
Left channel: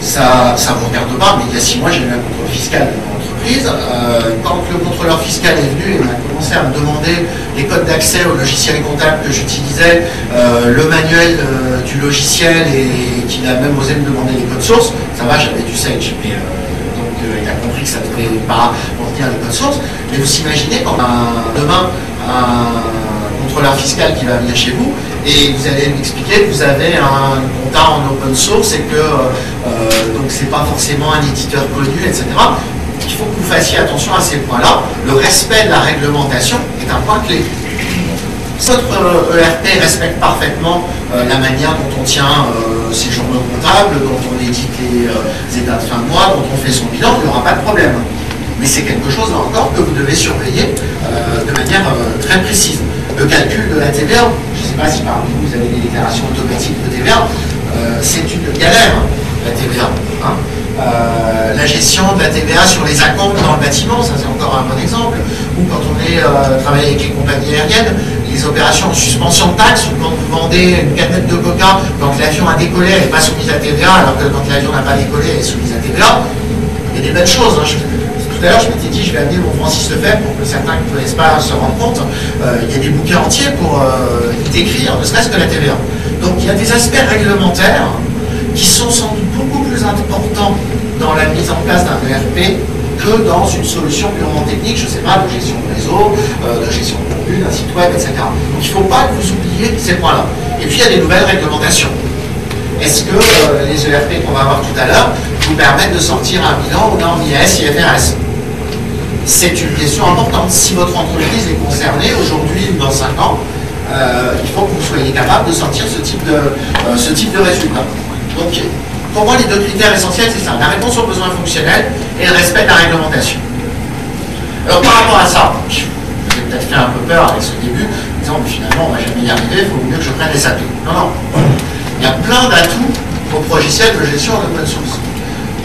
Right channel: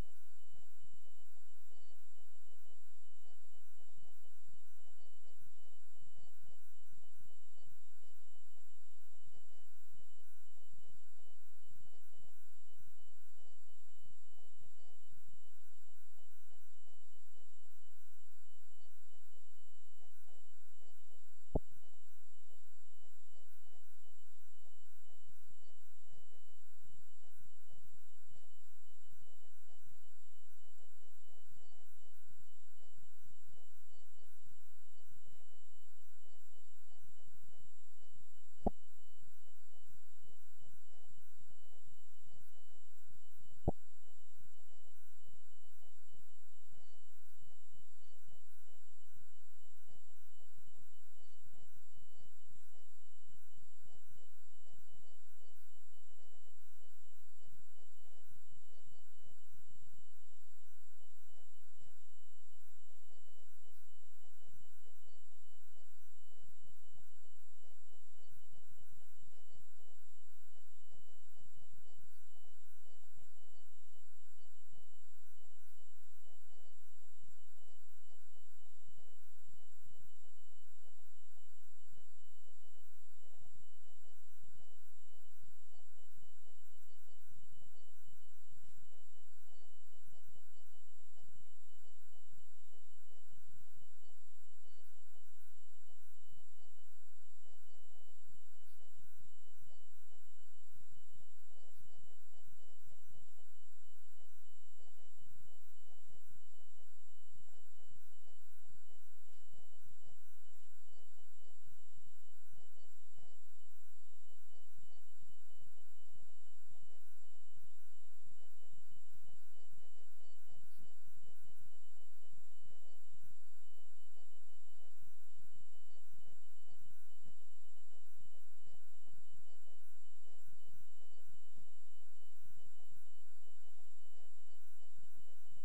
Ça ne vous regarde pas, mais il y a 6 mois, j'ai eu un contrôle fiscal de mon entreprise. Quand le contrôleur fiscal est venu et a commencé à me demander les codes d'accès au logiciel comptable que j'utilisais, le manuel du logiciel, et qu'il a même osé me demander les codes sources, ça va, j'avais du Sage. Mais, donc il a compris que ça ne devait pas contenir les codes sources. Mais vous imaginez quand demain, un contrôleur fiscal qui va venir chez vous et vous allez m'expliquer que vous avez un compta en open source et que donc c'est pas forcément un éditeur connu, etc. Il faut que vous fassiez attention à ces points-là. Le respect de la réglementation est un point clé. Si votre ERP respecte parfaitement la manière dont on tient ses journaux comptables, dont on édite les états de fin de mois, dont on fait son bilan, il n'y aura pas de problème. Mais c'est quelque chose là encore que vous devez surveiller de manière très précise. Le calcul de la TVA, je ne sais pas si parmi vous avez des déclarations automatiques de TVA, c'est une galère, la TVA. Hein. La gestion de la TVA sur les acomptes dans le bâtiment, ça c'est encore un bon exemple. Ou quand on travaille avec les compagnies aériennes, les opérations de suspension de taxes, ou quand vous vendez une canette de coca, quand l'avion a décollé, elle n'est pas soumise à TVA, alors que quand l'avion n'a pas décollé, elle est soumise à TVA. Il y a des belles choses. Hein. Tout à l'heure, je m'étais dit, je vais amener mon Francis Lefebvre pour que certains qui ne connaissent pas se rendent compte. Il y a des bouquins entiers pour décrire, ne serait-ce que la TVA. Donc il y a des aspects réglementaires qui sont sans doute beaucoup plus importants dans la mise en place d'un ERP que dans une solution purement technique, je ne sais pas, de gestion de réseau, de gestion de contenu, d'un site web, etc. Donc il ne faut pas que vous oubliez ces points-là. Et puis il y a des nouvelles réglementations. Est-ce que les ERP qu'on va voir tout à l'heure vous permettent de sortir un bilan aux normes IAS, IFRS? C'est une question importante. Si votre entreprise est concernée aujourd'hui ou dans 5 ans, il faut que vous soyez capable de sortir ce type de résultat. Donc, pour moi, les 2 critères essentiels, c'est ça, la réponse aux besoins fonctionnels et le respect de la réglementation. Alors, par rapport à ça, je vous ai peut-être fait un peu peur avec ce début, en disant, mais finalement, on ne va jamais y arriver, il faut mieux que je prenne SAP. Non, non. Il y a plein d'atouts aux logiciels de gestion en open source.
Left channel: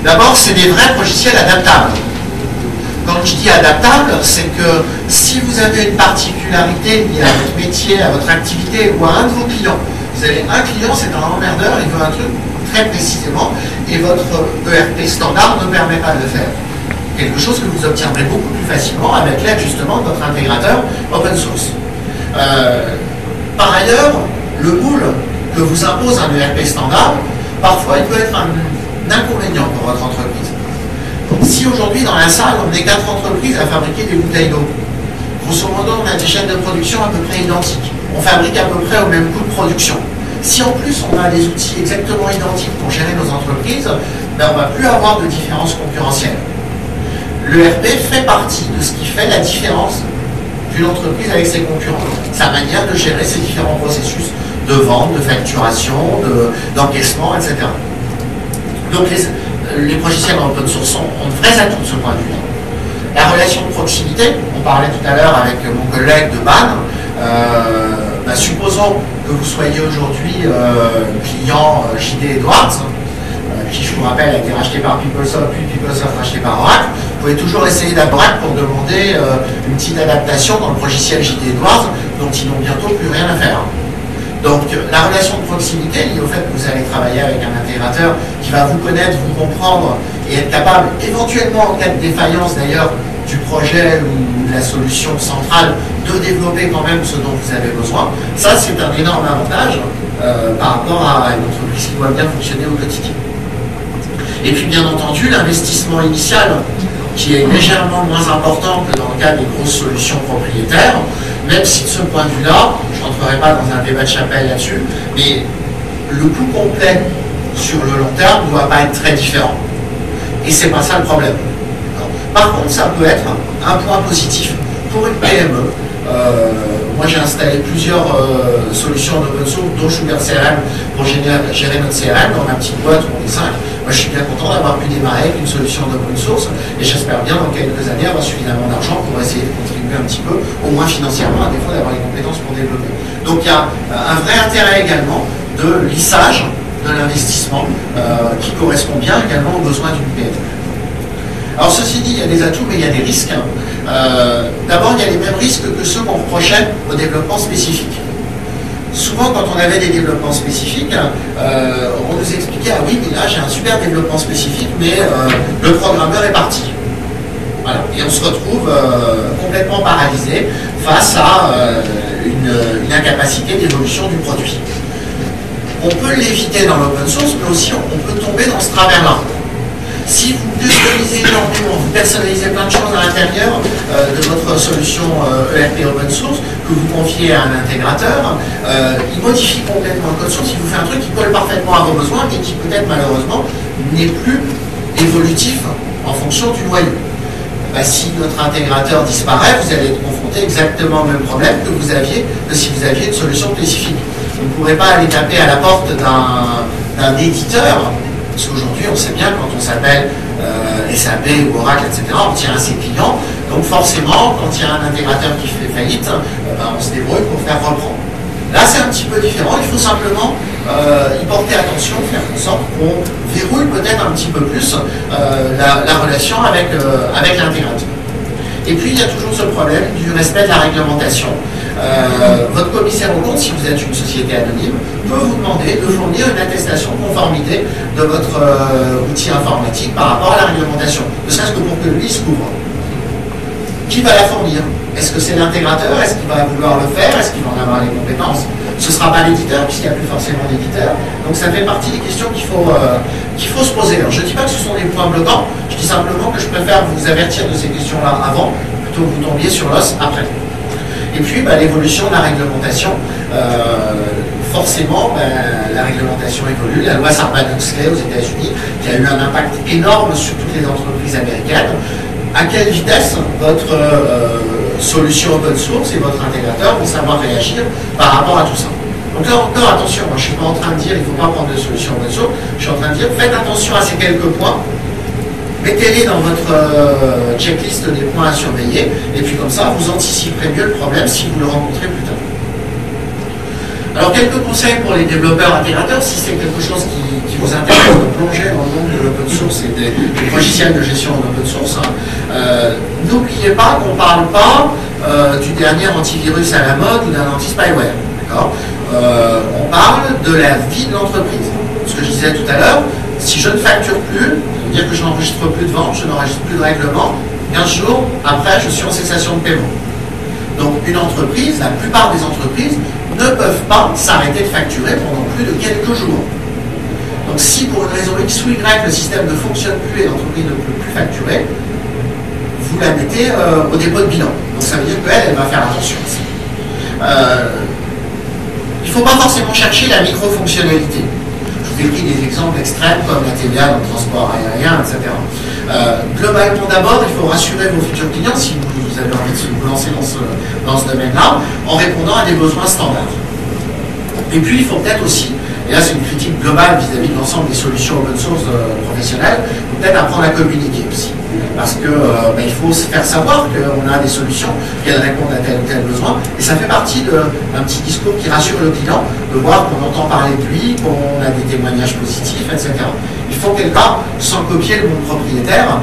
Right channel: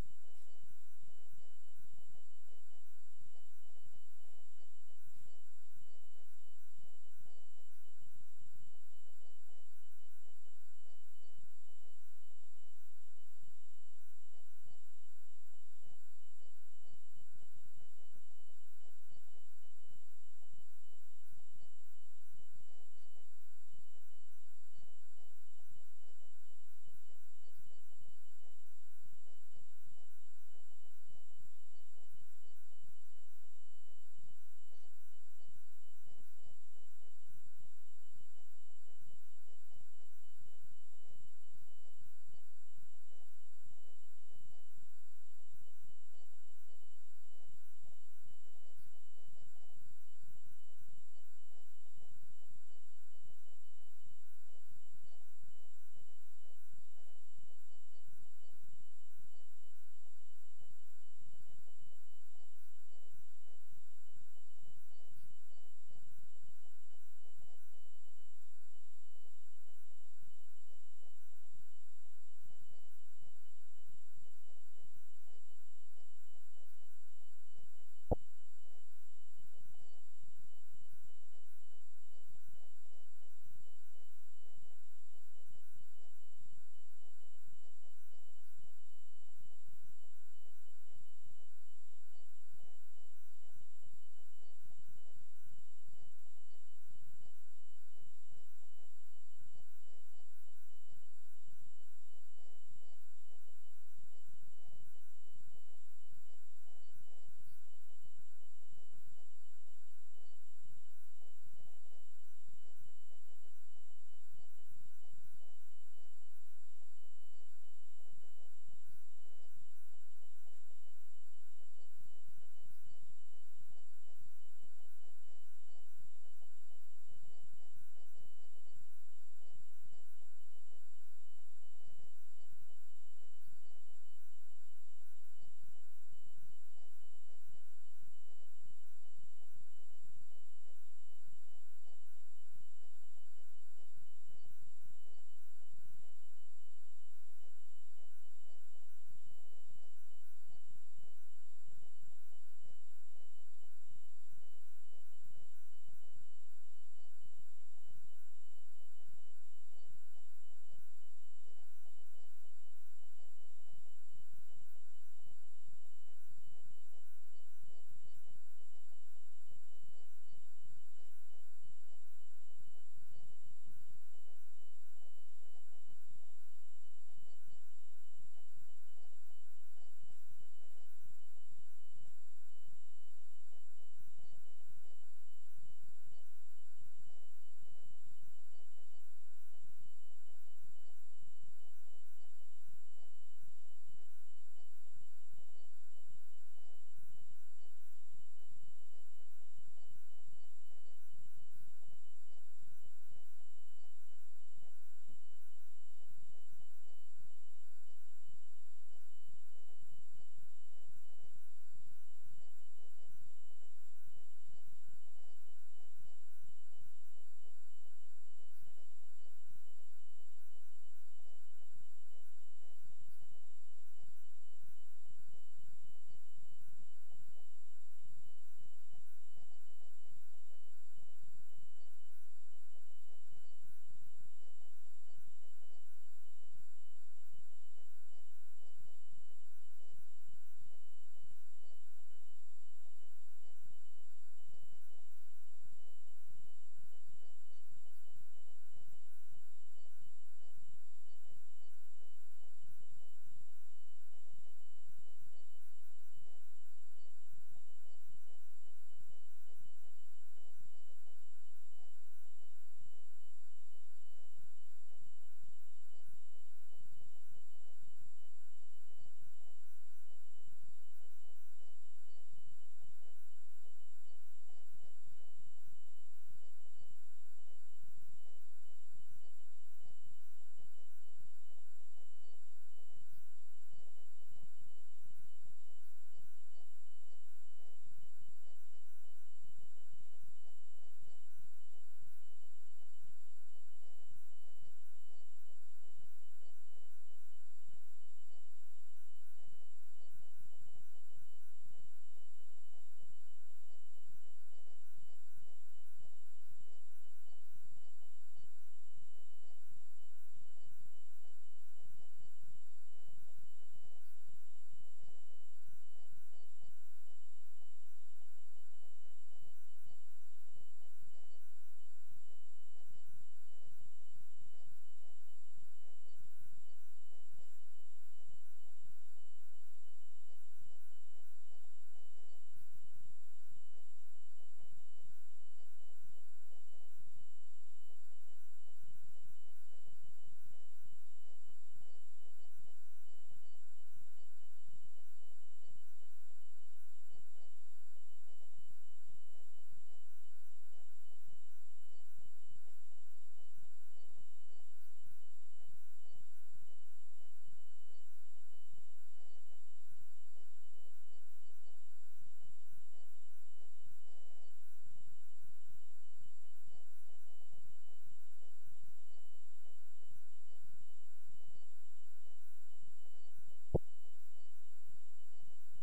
D'abord, c'est des vrais logiciels adaptables. Quand je dis adaptable, c'est que si vous avez une particularité liée à votre métier, à votre activité ou à un de vos clients, vous avez un client, c'est un emmerdeur, il veut un truc très précisément, et votre ERP standard ne permet pas de le faire. Quelque chose que vous obtiendrez beaucoup plus facilement avec l'aide justement de votre intégrateur open source. Par ailleurs, le moule que vous impose un ERP standard, parfois il peut être un inconvénient pour votre entreprise. Si aujourd'hui dans la salle on est 4 entreprises à fabriquer des bouteilles d'eau, grosso modo on a des chaînes de production à peu près identiques, on fabrique à peu près au même coût de production. Si en plus on a des outils exactement identiques pour gérer nos entreprises, ben on ne va plus avoir de différence concurrentielle. L'ERP fait partie de ce qui fait la différence d'une entreprise avec ses concurrents, sa manière de gérer ses différents processus de vente, de facturation, d'encaissement, etc. Donc les logiciels en open source ont de vrais atouts de ce point de vue-là. La relation de proximité, on parlait tout à l'heure avec mon collègue de BAN, Supposons que vous soyez aujourd'hui client JD Edwards, qui, je vous rappelle, a été racheté par PeopleSoft, puis PeopleSoft racheté par Oracle. Vous pouvez toujours essayer d'Oracle pour demander une petite adaptation dans le logiciel JD Edwards, dont ils n'ont bientôt plus rien à faire. Donc la relation de proximité liée au fait que vous allez travailler avec un intégrateur qui va vous connaître, vous comprendre et être capable, éventuellement en cas de défaillance d'ailleurs du projet ou de la solution centrale, de développer quand même ce dont vous avez besoin, ça c'est un énorme avantage par rapport à une entreprise qui doit bien fonctionner au quotidien. Et puis bien entendu l'investissement initial qui est légèrement moins important que dans le cas des grosses solutions propriétaires, même si de ce point de vue-là, je n'entrerai pas dans un débat de chapelle là-dessus, mais le coût complet sur le long terme ne doit pas être très différent. Et c'est pas ça le problème. Par contre, ça peut être un point positif pour une PME. Moi, j'ai installé plusieurs solutions d'open source, dont Sugar CRM, pour gérer notre CRM dans ma petite boîte où on est 5. Moi, je suis bien content d'avoir pu démarrer avec une solution d'open source et j'espère bien dans quelques années avoir suffisamment d'argent pour essayer de contribuer un petit peu, au moins financièrement, à défaut d'avoir les compétences pour développer. Donc, il y a un vrai intérêt également de lissage de l'investissement qui correspond bien également aux besoins d'une PME. Alors ceci dit, il y a des atouts, mais il y a des risques. D'abord, il y a les mêmes risques que ceux qu'on reprochait au développement spécifique. Souvent, quand on avait des développements spécifiques, on nous expliquait « Ah oui, mais là, j'ai un super développement spécifique, mais le programmeur est parti. » Voilà. Et on se retrouve complètement paralysé face à une incapacité d'évolution du produit. On peut l'éviter dans l'open source, mais aussi on peut tomber dans ce travers-là. Si vous customisez énormément, vous personnalisez plein de choses à l'intérieur de votre solution ERP open source, que vous confiez à un intégrateur, il modifie complètement le code source, il vous fait un truc qui colle parfaitement à vos besoins et qui peut-être malheureusement n'est plus évolutif en fonction du noyau. Si notre intégrateur disparaît, vous allez être confronté exactement au même problème que si vous aviez une solution spécifique. Vous ne pourrez pas aller taper à la porte d'un éditeur. Parce qu'aujourd'hui, on sait bien, quand on s'appelle SAP ou Oracle, etc., on tient à ses clients. Donc forcément, quand il y a un intégrateur qui fait faillite, on se débrouille pour faire reprendre. Là, c'est un petit peu différent. Il faut simplement y porter attention, faire en sorte qu'on verrouille peut-être un petit peu plus la relation avec l'intégrateur. Et puis, il y a toujours ce problème du respect de la réglementation. Votre commissaire aux comptes, si vous êtes une société anonyme, peut vous demander de fournir une attestation de conformité de votre outil informatique par rapport à la réglementation, ne serait-ce que pour que lui se couvre. Qui va la fournir? Est-ce que c'est l'intégrateur? Est-ce qu'il va vouloir le faire? Est-ce qu'il va en avoir les compétences? Ce ne sera pas l'éditeur, puisqu'il n'y a plus forcément d'éditeur. Donc ça fait partie des questions qu'il faut se poser. Alors, je ne dis pas que ce sont des points bloquants, je dis simplement que je préfère vous avertir de ces questions-là avant, plutôt que vous tombiez sur l'os après. Et puis, l'évolution de la réglementation. Forcément, la réglementation évolue. La loi Sarbanes-Oxley aux États-Unis, qui a eu un impact énorme sur toutes les entreprises américaines. À quelle vitesse votre solution open source et votre intégrateur vont savoir réagir par rapport à tout ça. Donc là encore, attention, moi, je ne suis pas en train de dire qu'il ne faut pas prendre de solution open source, je suis en train de dire faites attention à ces quelques points, mettez-les dans votre checklist des points à surveiller, et puis comme ça, vous anticiperez mieux le problème si vous le rencontrez plus tard. Alors, quelques conseils pour les développeurs intégrateurs, si c'est quelque chose qui vous intéresse de plonger dans le monde de l'open source et des logiciels de gestion en open source, n'oubliez pas qu'on ne parle pas du dernier antivirus à la mode ou d'un anti-spyware. On parle de la vie de l'entreprise. Ce que je disais tout à l'heure, si je ne facture plus, ça veut dire que je n'enregistre plus de vente, je n'enregistre plus de règlement, 15 jours après, je suis en cessation de paiement. Donc, une entreprise, la plupart des entreprises, ne peuvent pas s'arrêter de facturer pendant plus de quelques jours. Donc si pour une raison X ou Y le système ne fonctionne plus et l'entreprise ne peut plus facturer, vous la mettez au dépôt de bilan. Donc ça veut dire qu'elle va faire attention. Il ne faut pas forcément chercher la micro-fonctionnalité. Je vous ai pris des exemples extrêmes comme la TVA dans le transport aérien, etc. Globalement d'abord, il faut rassurer vos futurs clients si vous avez envie de vous lancer dans ce domaine-là, en répondant à des besoins standards. Et puis, il faut peut-être aussi Et là, c'est une critique globale vis-à-vis de l'ensemble des solutions open source professionnelles. Peut-être apprendre à communiquer aussi. Parce que il faut se faire savoir qu'on a des solutions, qu'elles répondent à tel ou tel besoin. Et ça fait partie d'un petit discours qui rassure le client, de voir qu'on entend parler de lui, qu'on a des témoignages positifs, etc. Il faut quelque part, sans copier le monde propriétaire,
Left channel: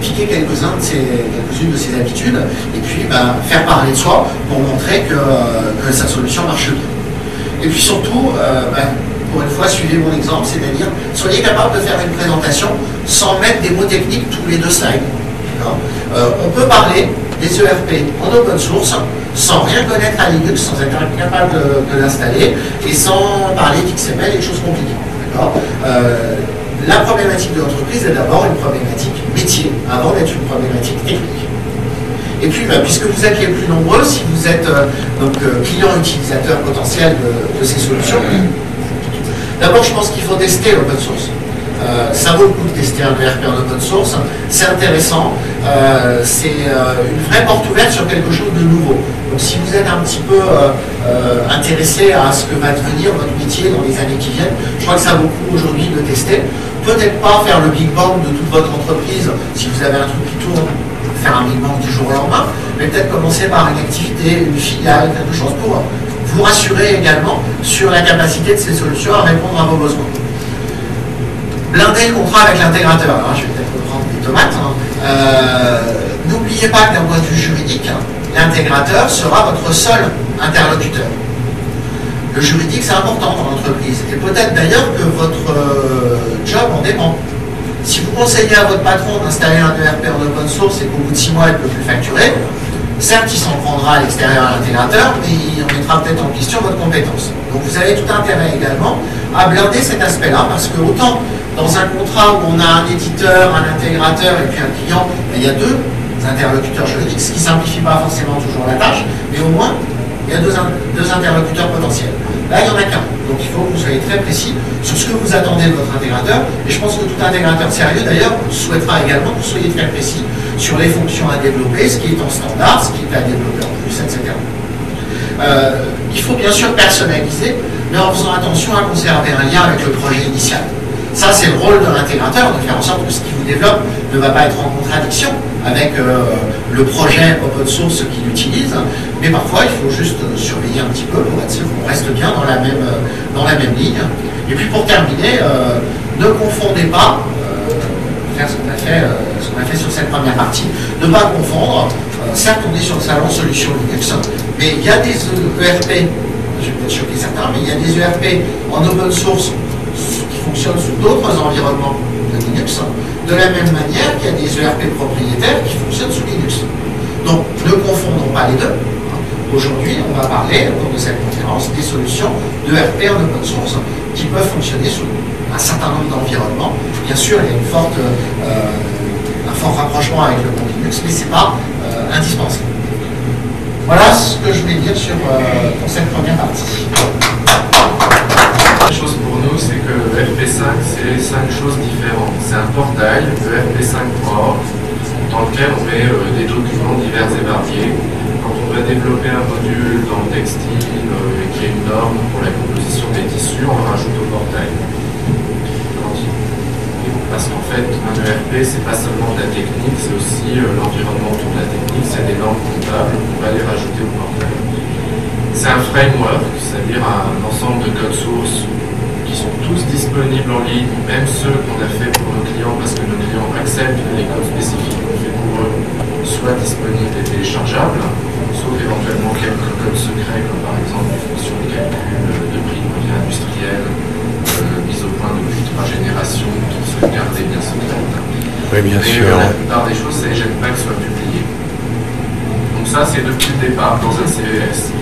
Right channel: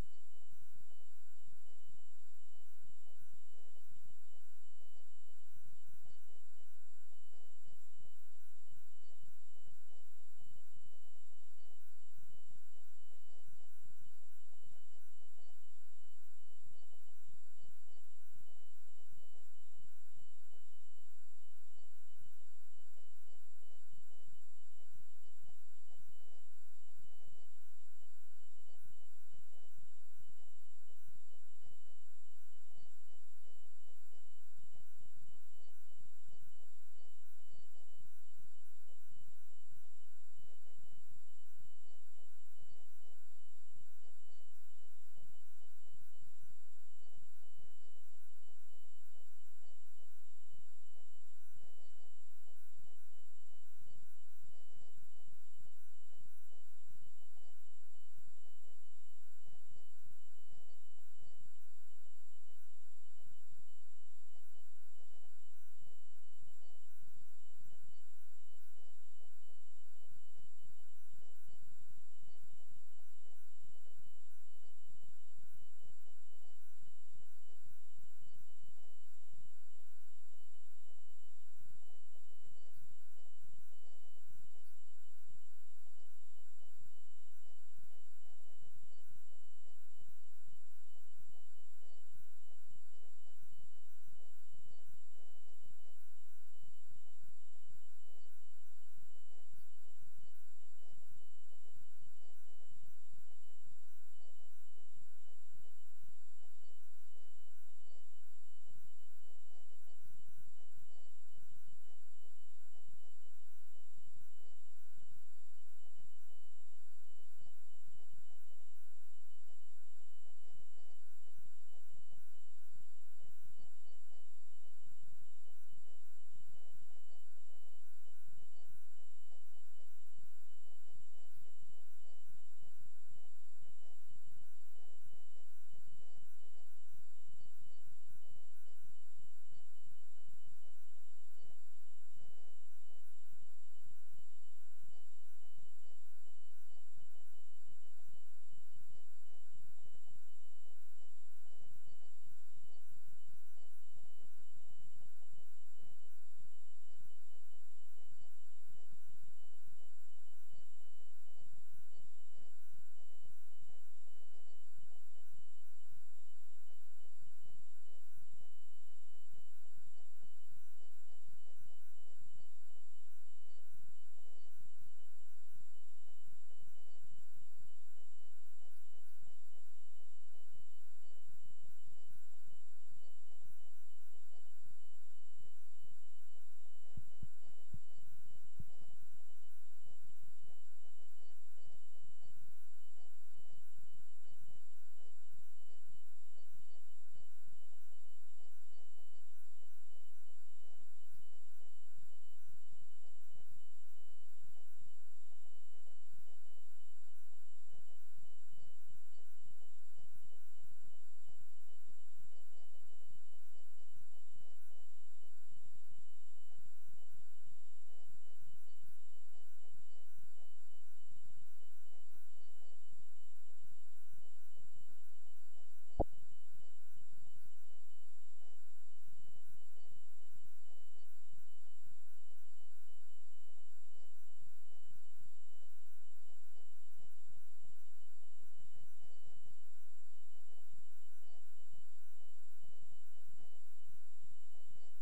piquer quelques-unes de ses habitudes, et puis faire parler de soi pour montrer que sa solution marche bien. Et puis surtout, pour une fois, suivez mon exemple, c'est-à-dire, soyez capable de faire une présentation sans mettre des mots techniques tous les 2 slides. On peut parler des ERP en open source sans rien connaître à Linux, sans être capable de l'installer, et sans parler d'XML et de choses compliquées. La problématique de l'entreprise est d'abord une problématique métier, avant d'être une problématique technique. Et puis, puisque vous êtes les plus nombreux, si vous êtes client utilisateur potentiel de ces solutions, d'abord, je pense qu'il faut tester l'open source. Ça vaut le coup de tester un ERP en open source. C'est intéressant. C'est une vraie porte ouverte sur quelque chose de nouveau. Donc, si vous êtes un petit peu intéressé à ce que va devenir votre métier dans les années qui viennent, je crois que ça vaut le coup aujourd'hui de tester. Peut-être pas faire le big bang de toute votre entreprise. Si vous avez un truc qui tourne, faire un big bang du jour au lendemain, mais peut-être commencer par une activité, une filiale, quelque chose pour vous rassurer également sur la capacité de ces solutions à répondre à vos besoins. Blinder le contrat avec l'intégrateur. Alors, je vais peut-être reprendre des tomates. N'oubliez pas que d'un point de vue juridique, l'intégrateur sera votre seul interlocuteur. Le juridique, c'est important dans l'entreprise. Et peut-être d'ailleurs que votre job en dépend. Si vous conseillez à votre patron d'installer un ERP en open source et qu'au bout de 6 mois, il ne peut plus facturer, certes, il s'en prendra à l'extérieur à l'intégrateur, mais il remettra peut-être en question votre compétence. Donc vous avez tout intérêt également à blinder cet aspect-là, parce que autant dans un contrat où on a un éditeur, un intégrateur et puis un client, il y a 2 interlocuteurs juridiques, ce qui ne simplifie pas forcément toujours la tâche, mais au moins, il y a deux interlocuteurs potentiels. Là, il n'y en a qu'un. Donc il faut que vous soyez très précis sur ce que vous attendez de votre intégrateur. Et je pense que tout intégrateur sérieux, d'ailleurs, souhaitera également que vous soyez très précis sur les fonctions à développer, ce qui est en standard, ce qui est à développer en plus, etc. Il faut bien sûr personnaliser, mais en faisant attention à conserver un lien avec le projet initial. Ça, c'est le rôle de l'intégrateur, de faire en sorte que ce qu'il vous développe ne va pas être en contradiction avec le projet open source qu'il utilise, mais parfois il faut juste surveiller un petit peu pour être sûr qu'on reste bien dans la même ligne. Et puis pour terminer, ne confondez pas, faire ce qu'on a fait sur cette première partie, ne pas confondre, certes on est sur le salon Solutions Linux, mais il y a des ERP, je vais peut-être choquer certains, mais il y a des ERP en open source qui fonctionnent sous d'autres environnements de Linux, de la même manière qu'il y a des ERP propriétaires qui fonctionnent sous Linux. Donc, ne confondons pas les deux. Aujourd'hui, on va parler, au cours de cette conférence, des solutions d'ERP en open source qui peuvent fonctionner sous un certain nombre d'environnements. Bien sûr, il y a un fort rapprochement avec le monde Linux, mais ce n'est pas indispensable. Voilà ce que je voulais dire pour cette première partie. La chose pour nous, c'est que ERP5, c'est 5 choses différentes. C'est un portail, ERP5.org, dans lequel on met des documents divers et variés. Quand on va développer un module dans le textile qui est une norme pour la composition des tissus, on le rajoute au portail. Parce qu'en fait, un ERP, c'est pas seulement de la technique, c'est aussi l'environnement autour de la technique, c'est des normes comptables qu'on va les rajouter au portail. C'est un framework, c'est-à-dire un ensemble de codes sources qui sont tous disponibles en ligne, même ceux qu'on a fait pour nos clients, parce que nos clients acceptent que les codes spécifiques qu'on fait pour eux soient disponibles et téléchargeables, sauf éventuellement quelques codes secrets, comme par exemple les fonctions de calcul de prix de revient industriel, mise au point depuis 3 générations, qui sont gardées bien secrètes. Oui, bien sûr. La plupart des choses, c'est j'aime pas qu'elles soient publiées. Donc ça, c'est depuis le départ dans un CES.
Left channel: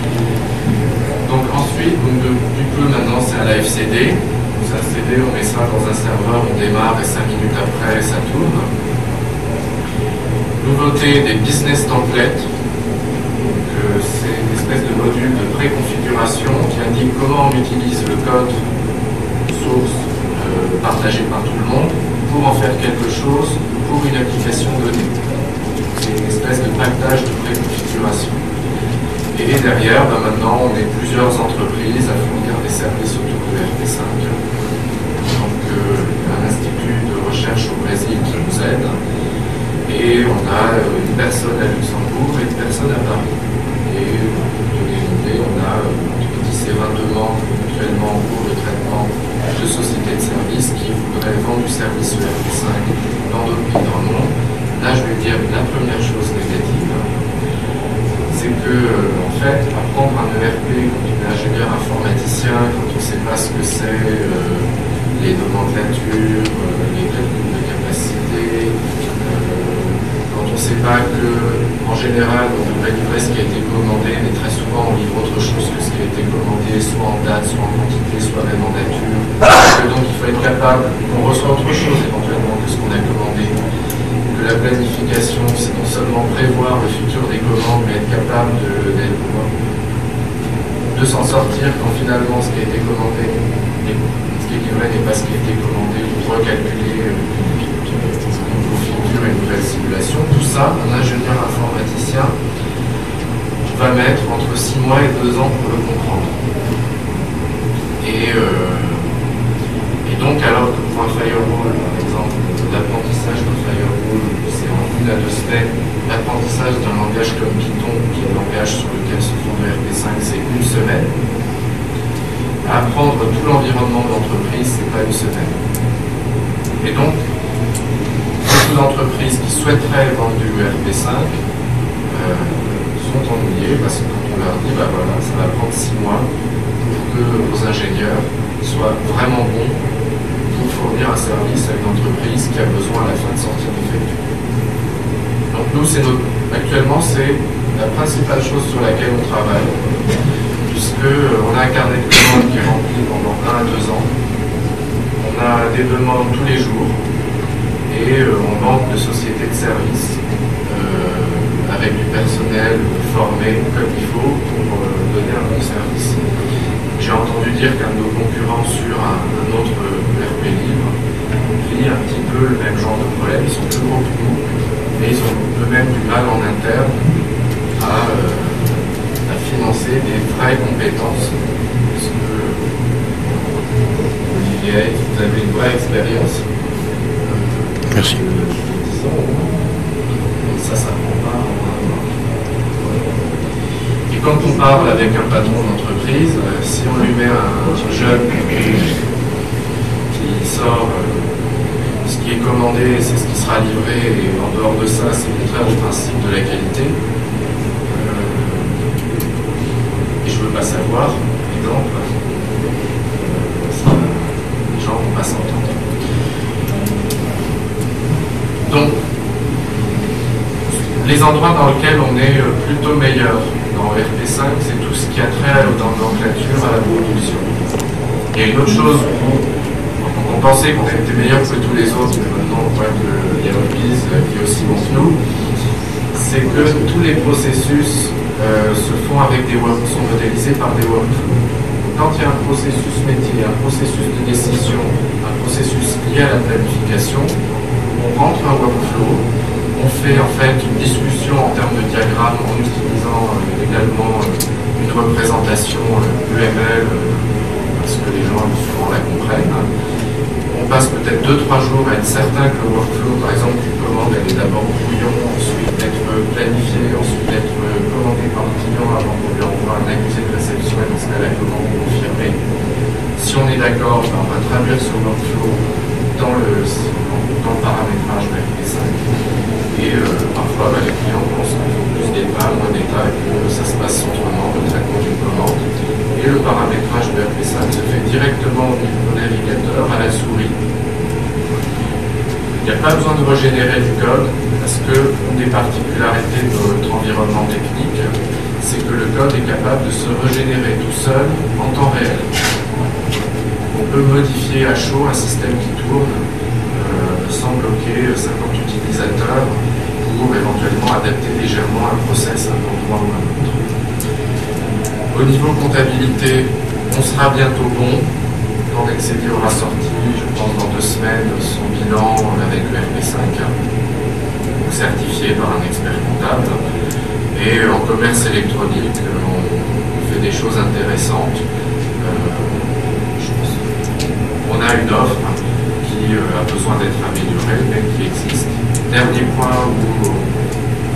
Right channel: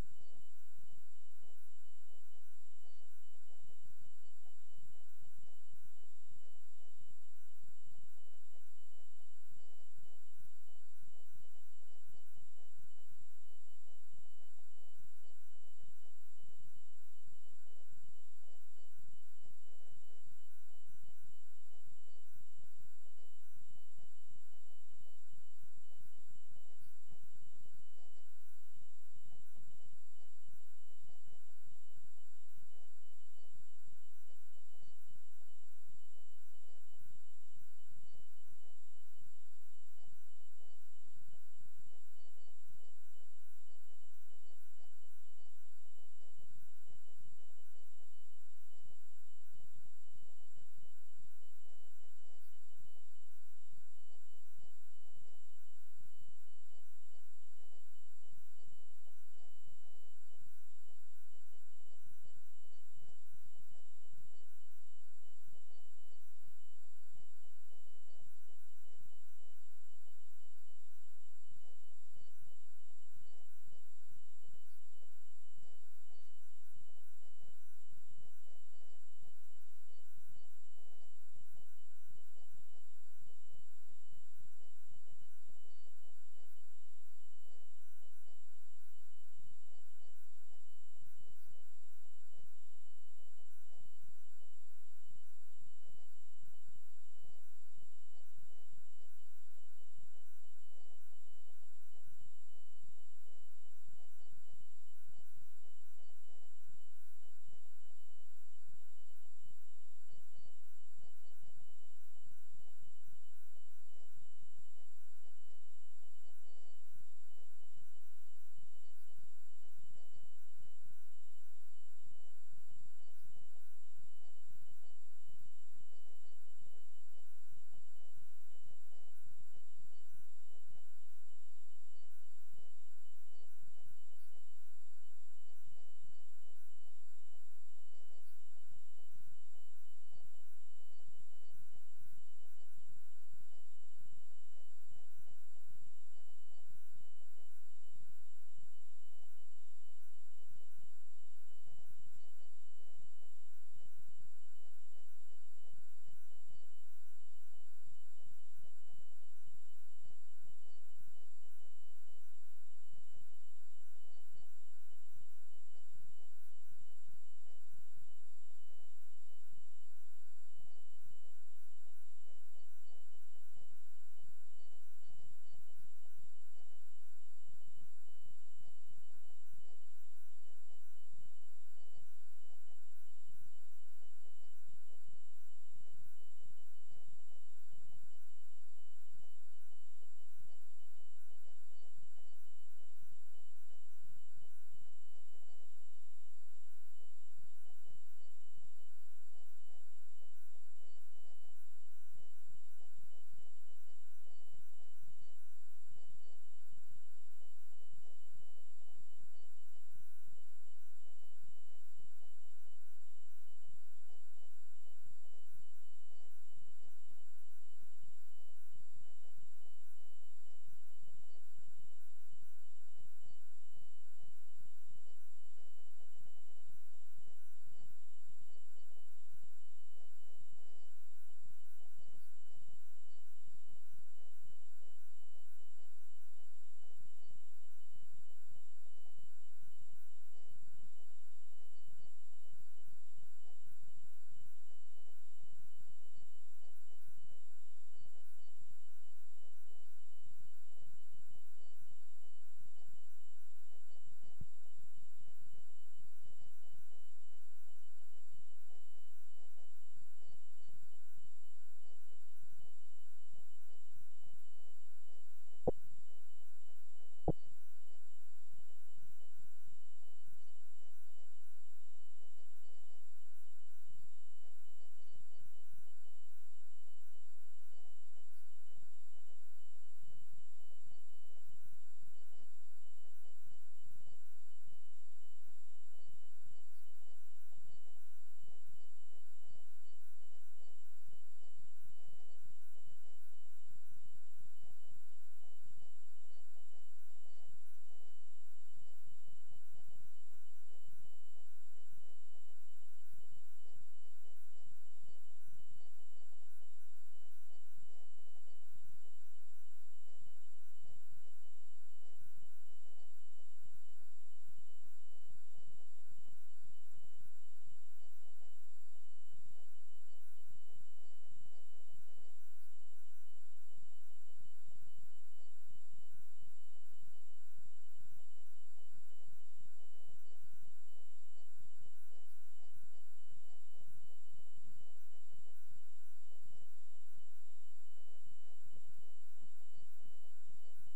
Donc ensuite, du coup maintenant c'est à la FCD. Donc ça CD, on met ça dans un serveur, on démarre et 5 minutes après ça tourne. Nouveauté des business templates. C'est une espèce de module de préconfiguration qui indique comment on utilise le code source partagé par tout le monde pour en faire quelque chose pour une application donnée. C'est une espèce de pactage de préconfiguration. Et derrière, maintenant, on est plusieurs entreprises à fournir des services autour de ERP5. Donc un institut de recherche au Brésil qui nous aide. Et on a une personne à Luxembourg et une personne à Paris. Et pour donner une idée, on a entre 10 et 22 membres actuellement en cours de traitement de sociétés de services qui voudraient vendre du service ERP5 dans d'autres pays dans le monde. Là, je vais dire la première chose négative, c'est que, en fait, apprendre un ERP quand on est ingénieur informaticien, quand on ne sait pas ce que c'est, les nomenclatures, les calculs de capacité, quand on ne sait pas que, en général, on devrait livrer ce qui a été commandé, mais très souvent on livre autre chose que ce qui a été commandé, soit en date, soit en quantité, soit même en nature. Et donc il faut être capable, qu'on reçoit autre chose éventuellement que ce qu'on a commandé. Que la planification, c'est non seulement prévoir le futur des commandes, mais être capable de s'en sortir quand finalement ce qui a été commandé, ce qui est livré n'est pas ce qui a été commandé, ou recalculer une configure, une nouvelle simulation. Tout ça, un ingénieur informaticien va mettre entre 6 mois et 2 ans pour le comprendre. Et donc, alors que pour un firewall, par exemple, l'apprentissage d'un firewall, c'est en 1 à 2 semaines, l'apprentissage d'un langage comme Python, qui est le langage sur lequel se fonde le ERP5, c'est 1 semaine. Apprendre tout l'environnement de l'entreprise, c'est pas 1 semaine. Et donc, beaucoup d'entreprises qui souhaiteraient vendre du ERP5 sont ennuyées parce que quand on leur dit, bah voilà, ça va prendre 6 mois pour que vos ingénieurs soient vraiment bons pour fournir un service à une entreprise qui a besoin à la fin de sortir du facture. Donc nous, actuellement, c'est la principale chose sur laquelle on travaille, puisqu'on a un carnet de commandes qui est rempli pendant 1 à 2 ans. On a des demandes tous les jours et on manque de sociétés de services avec du personnel formé comme il faut pour donner un bon service. J'ai entendu dire qu'un de nos concurrents sur un autre ERP libre vit un petit peu le même genre de problème. Ils sont plus gros que nous, mais ils ont eux-mêmes du mal en interne à financer des vraies compétences. Parce que Olivier, vous avez une vraie expérience. Merci. Ça prend pas. Et quand on parle avec un patron d'entreprise, si on lui met un jeune qui sort ce qui est commandé, c'est ce qui sera livré, et en dehors de ça, c'est contraire au principe de la qualité. Et je ne veux pas savoir, par exemple, les gens ne vont pas s'entendre. Donc, les endroits dans lesquels on est plutôt meilleur dans ERP5, c'est tout ce qui a trait dans nomenclature à la production. Il y a une autre chose où on pensait qu'on était meilleur que tous les autres, mais maintenant on voit qu'il y a Olbis qui est aussi bon que nous, c'est que tous les processus se font avec sont modélisés par des workflows. Quand il y a un processus métier, un processus de décision, un processus lié à la planification, on rentre un workflow, on fait en fait une discussion en termes de diagramme en utilisant également une représentation UML parce que les gens souvent la comprennent. On passe peut-être 2-3 jours à être certain que le workflow, par exemple, d'une commande, elle est d'abord brouillon, ensuite d'être planifiée, ensuite d'être commandée par le client avant qu'on lui envoie un accusé de réception et dans ce cas la commande est confirmée. Si on est d'accord, on va traduire ce workflow dans le paramétrage de ERP5. Et parfois, les clients pensent qu'il faut plus d'état, moins d'état, que ça se passe autrement, le traitement d'une commande. Et le paramétrage de ERP5 se fait directement au niveau navigateur à la souris. Il n'y a pas besoin de régénérer du code, parce que une des particularités de notre environnement technique, c'est que le code est capable de se régénérer tout seul en temps réel. On peut modifier à chaud un système qui tourne sans bloquer 50 utilisateurs pour éventuellement adapter légèrement un process à un endroit ou à un autre. Au niveau comptabilité, on sera bientôt bon. Quand Nexedi aura sorti, je pense dans 2 semaines, son bilan avec le ERP5, certifié par un expert comptable. Et en commerce électronique, on fait des choses intéressantes. Je pense a une offre qui a besoin d'être améliorée, mais qui existe. Dernier point où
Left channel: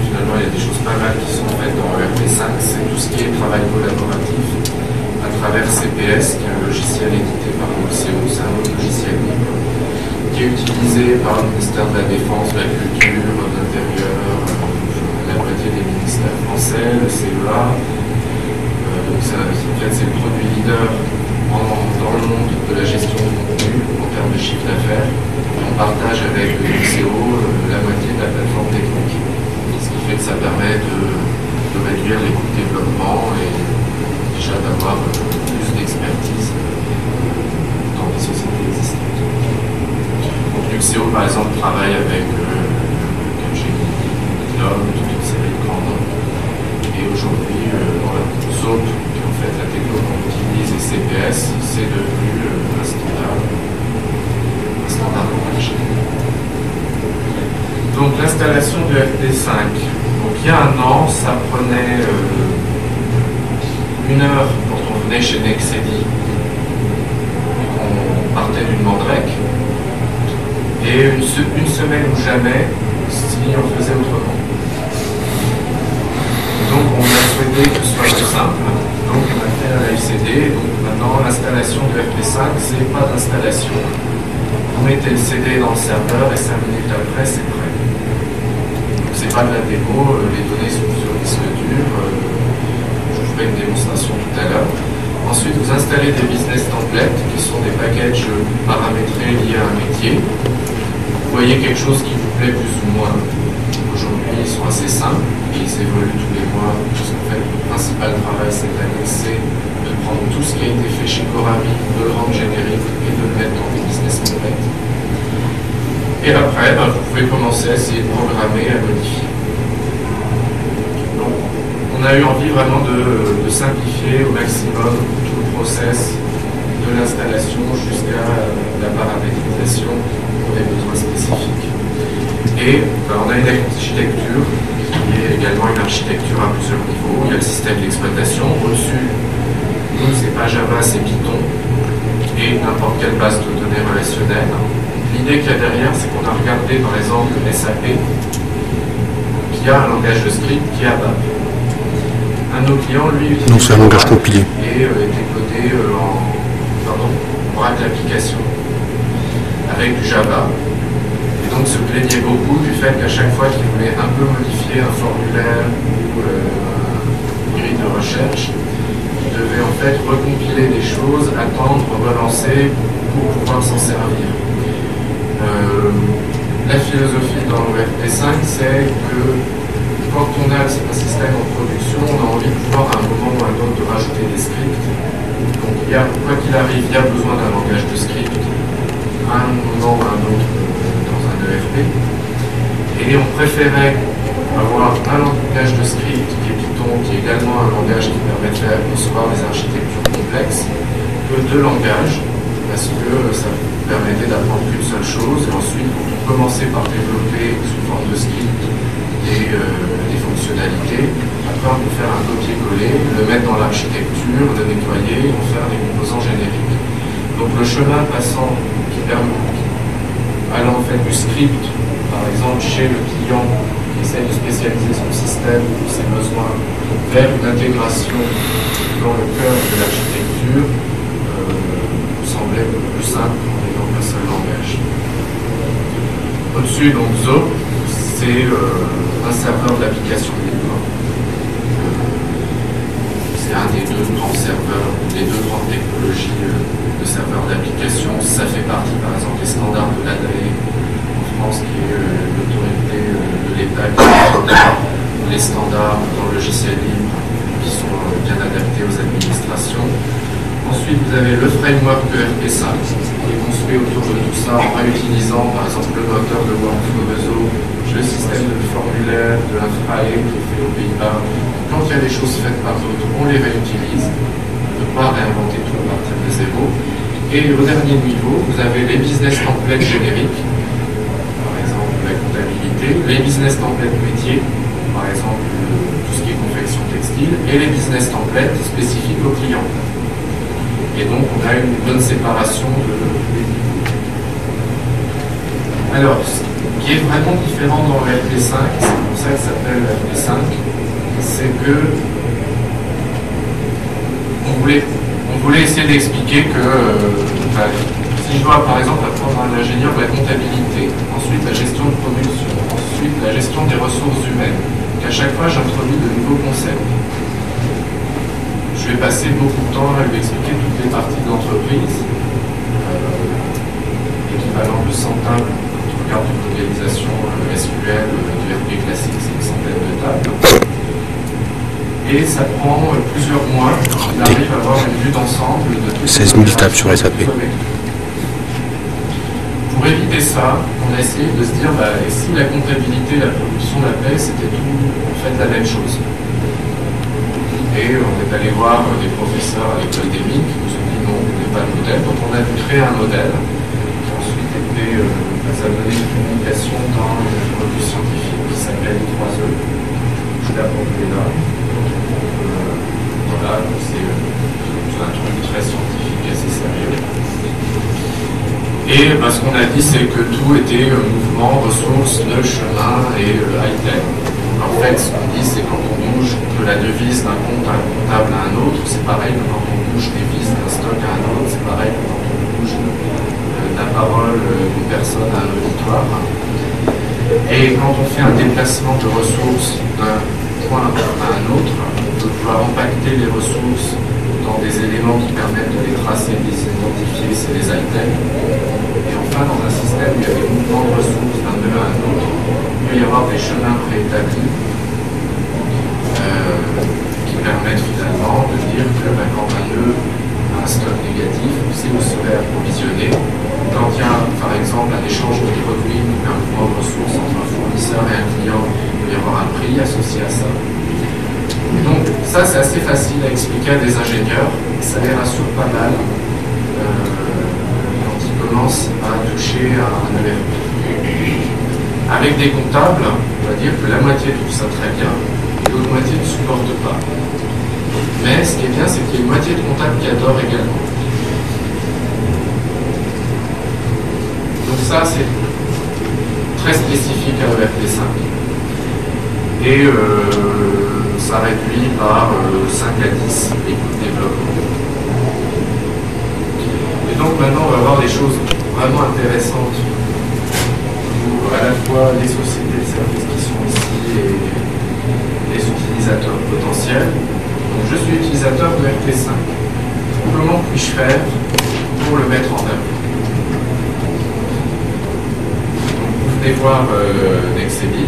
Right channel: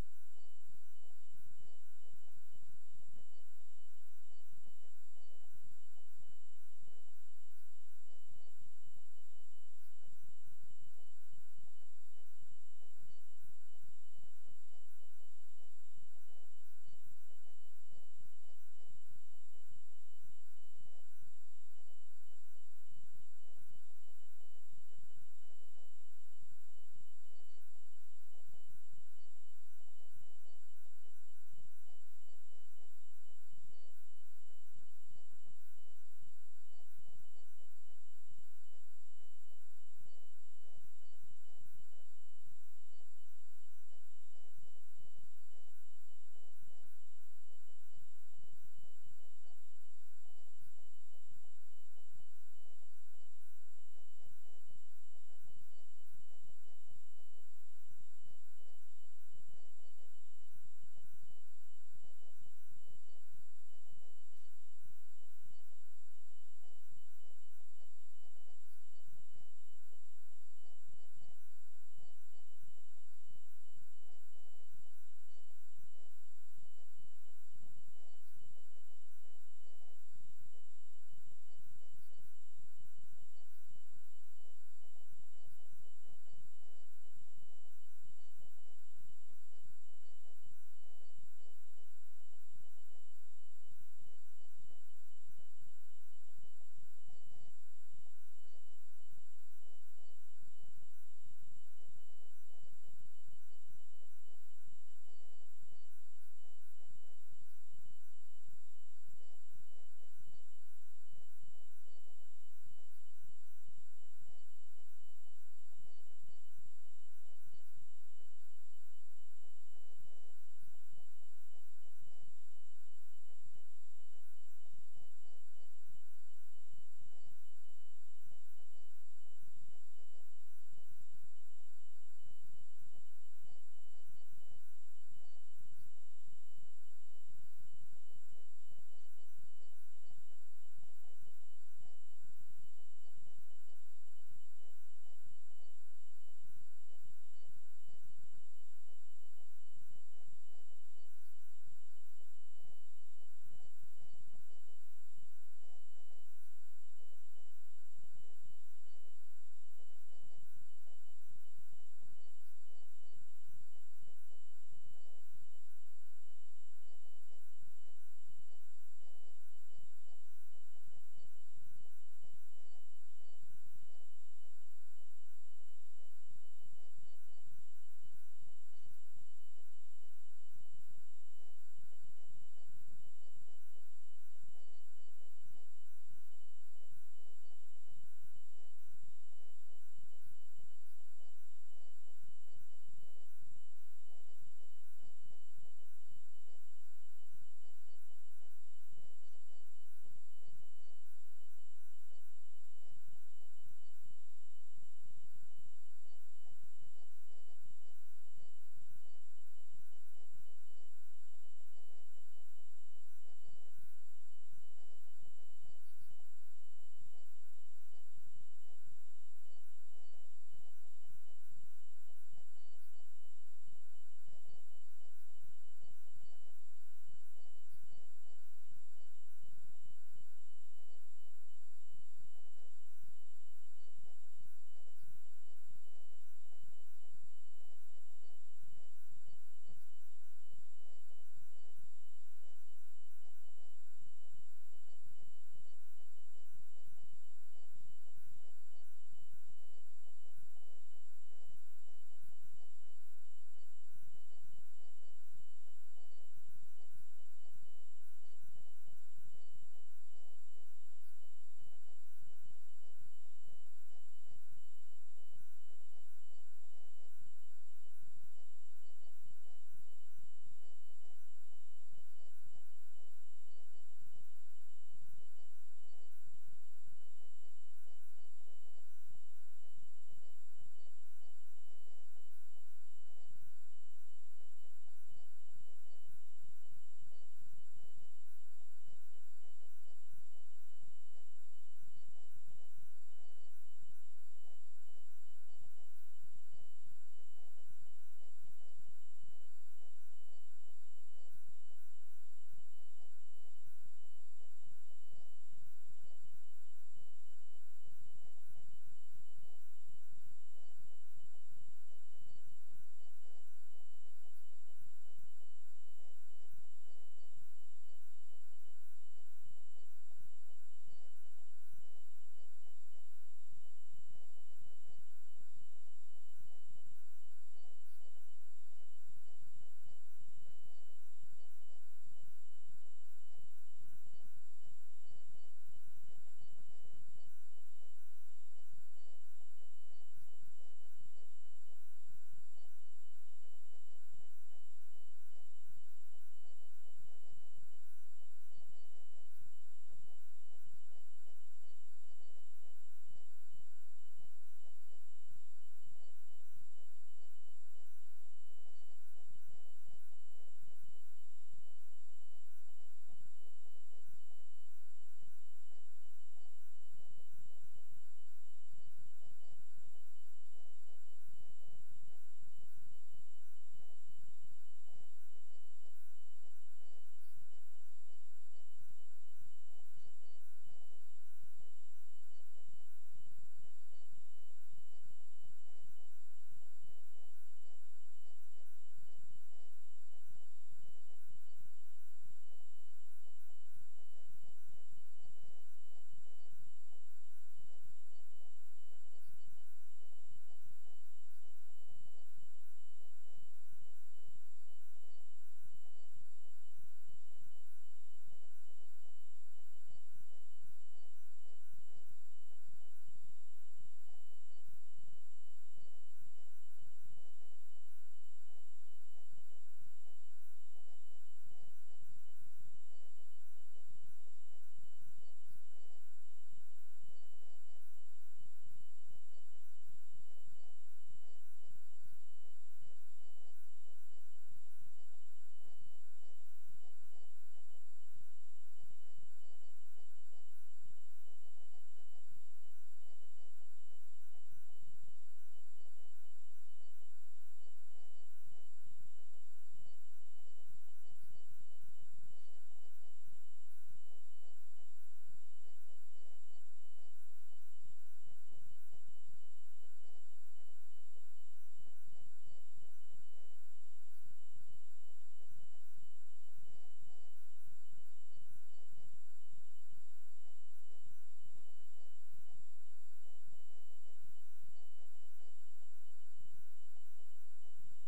finalement il y a des choses pas mal qui sont faites dans ERP5, c'est tout ce qui est travail collaboratif à travers CPS, qui est un logiciel édité par l'OCO, c'est un autre logiciel libre, qui est utilisé par le ministère de la Défense, de la Culture, de l'Intérieur, la moitié des ministères français, le CEA. Donc en fait, c'est le produit leader dans le monde de la gestion du contenu en termes de chiffre d'affaires. On partage avec le ICO la moitié de la plateforme technique, ce qui fait que ça permet de réduire les coûts de développement et déjà d'avoir plus d'expertise dans les sociétés existantes. Donc l'UXEO par exemple travaille avec Capgemini, Gnome, toute une série de grands noms. Et aujourd'hui, voilà, ZOP, qui est en fait la techno qu'on utilise, et CPS, c'est devenu un standard de marché. Donc l'installation de FP5. Donc il y a un an, ça prenait 1 heure quand on venait chez Nexedi et qu'on partait d'une Mandrake, et une semaine ou jamais si on faisait autrement. Donc on a souhaité que ce soit plus simple, donc on a fait un LCD, donc maintenant l'installation de FP5, c'est pas d'installation. Vous mettez le CD dans le serveur et 5 minutes après c'est prêt. Donc c'est pas de la démo, les données sont sur disque dur, je vous ferai une démonstration tout à l'heure. Ensuite vous installez des business templates qui sont des packages paramétrés liés à un métier. Vous voyez quelque chose qui vous plaît plus ou moins. Aujourd'hui ils sont assez simples. Ils évoluent tous les mois, puisqu'en fait, le principal travail cette année, c'est de prendre tout ce qui a été fait chez Corami, de le rendre générique et de le mettre dans des business templates. Et après, vous pouvez commencer à essayer de programmer, à modifier. Donc, on a eu envie vraiment de simplifier au maximum tout le process de l'installation jusqu'à la paramétrisation pour des besoins spécifiques. Et on a une architecture qui est également une architecture à plusieurs niveaux. Il y a le système d'exploitation. Au-dessus, nous, c'est pas Java, c'est Python et n'importe quelle base de données relationnelle. L'idée qu'il y a derrière, c'est qu'on a regardé par exemple SAP, qui a un langage de script qui est ABAP. Un de nos clients, lui, utilise Non, c'est un langage compilé. Et était codé en Oracle application avec du Java. Donc se plaignait beaucoup du fait qu'à chaque fois qu'il voulait un peu modifier un formulaire ou une grille de recherche, il devait en fait recompiler des choses, attendre, relancer pour pouvoir s'en servir. La philosophie dans l'ORP5, c'est que quand on a un système en production, on a envie de pouvoir à un moment ou à un autre de rajouter des scripts. Donc quoi qu'il arrive, il y a besoin d'un langage de script à un moment ou à un autre. Et on préférait avoir un langage de script qui est Python, qui est également un langage qui permet de concevoir des architectures complexes, que 2 langages, parce que ça permettait d'apprendre qu'une seule chose, et ensuite vous commencez par développer sous forme de script des fonctionnalités. Après on peut faire un copier-coller, le mettre dans l'architecture, le nettoyer, en faire des composants génériques. Donc le chemin passant qui permet allant en fait du script, par exemple chez le client qui essaie de spécialiser son système ou ses besoins, vers une intégration dans le cœur de l'architecture, nous semblait plus simple en ayant un seul langage. Au-dessus, donc ZOP, c'est un serveur d'application libre. C'est un des 2 grands serveurs, des 2 grandes technologies de serveurs d'application. Ça fait partie, par exemple, des standards de l'ADAE en France, qui est l'autorité de l'État qui les standards dans le logiciel libre qui sont bien adaptés aux administrations. Ensuite, vous avez le framework de RP5 qui est construit autour de tout ça en réutilisant, par exemple, le moteur de workflow réseau, le système de formulaire de l'Infrae qui est fait aux Pays-Bas. Quand il y a des choses faites par d'autres, on les réutilise. On ne peut pas réinventer tout à partir de zéro. Et au dernier niveau, vous avez les business templates génériques, par exemple la comptabilité, les business templates métiers, par exemple tout ce qui est confection textile, et les business templates spécifiques aux clients. Et donc on a une bonne séparation de les niveaux. Alors, ce qui est vraiment différent dans le RP5, c'est pour ça que ça s'appelle RP5, c'est que on voulait essayer d'expliquer que si je dois par exemple apprendre à un ingénieur la comptabilité, ensuite la gestion de production, ensuite la gestion des ressources humaines, qu'à chaque fois j'introduis de nouveaux concepts. Je vais passer beaucoup de temps à lui expliquer toutes les parties de l'entreprise, équivalent de 100 tables. Quand on regarde une modélisation SQL du RP classique, c'est une centaine de tables. Et ça prend plusieurs mois qu'il arrive à avoir une vue d'ensemble de toutes 16 000 tables sur SAP. Pour éviter ça, on a essayé de se dire, et si la comptabilité, la production, la paie, c'était tout en fait la même chose. Et on est allé voir des professeurs à l'école des mines qui nous ont dit non, on n'est pas le modèle. Donc on a dû créer un modèle qui ensuite était, ça a donné une publication dans une revue scientifique qui s'appelle 3E. Je l'ai apporté là. Voilà, c'est un truc très scientifique, assez sérieux. Et ce qu'on a dit, c'est que tout était mouvement, ressources, nœud, chemin et high-tech. En fait, ce qu'on dit, c'est quand on bouge de la devise d'un compte à un comptable à un autre, c'est pareil que quand on bouge des vis d'un stock à un autre, c'est pareil que quand on bouge la parole d'une personne à un auditoire. Et quand on fait un déplacement de ressources d'un point à un autre, on peut pouvoir impacter les ressources dans des éléments qui permettent de les tracer, de les identifier, c'est les items. Et enfin, dans un système où il y a des mouvements de ressources d'un nœud à un autre, il peut y avoir des chemins préétablis qui permettent finalement de dire que quand un nœud a un stock négatif, on sait où serait approvisionné. Quand il y a par exemple un échange de produits ou un mouvement de ressources entre un fournisseur et un client, il peut y avoir un prix associé à ça. Et donc ça c'est assez facile à expliquer à des ingénieurs, ça les rassure pas mal quand ils commencent à toucher à un ERP. Avec des comptables, on va dire que la moitié trouve ça très bien, et l'autre moitié ne supporte pas. Mais ce qui est bien, c'est qu'il y a une moitié de comptables qui adorent également. Donc ça, c'est très spécifique à ERP5. Et ça réduit par 5 à 10 les coûts de développement. Et donc maintenant, on va voir des choses vraiment intéressantes pour à la fois les sociétés de services qui sont ici et les utilisateurs potentiels. Donc je suis utilisateur de RP5. Comment puis-je faire pour le mettre en œuvre? Vous venez voir Nexebi,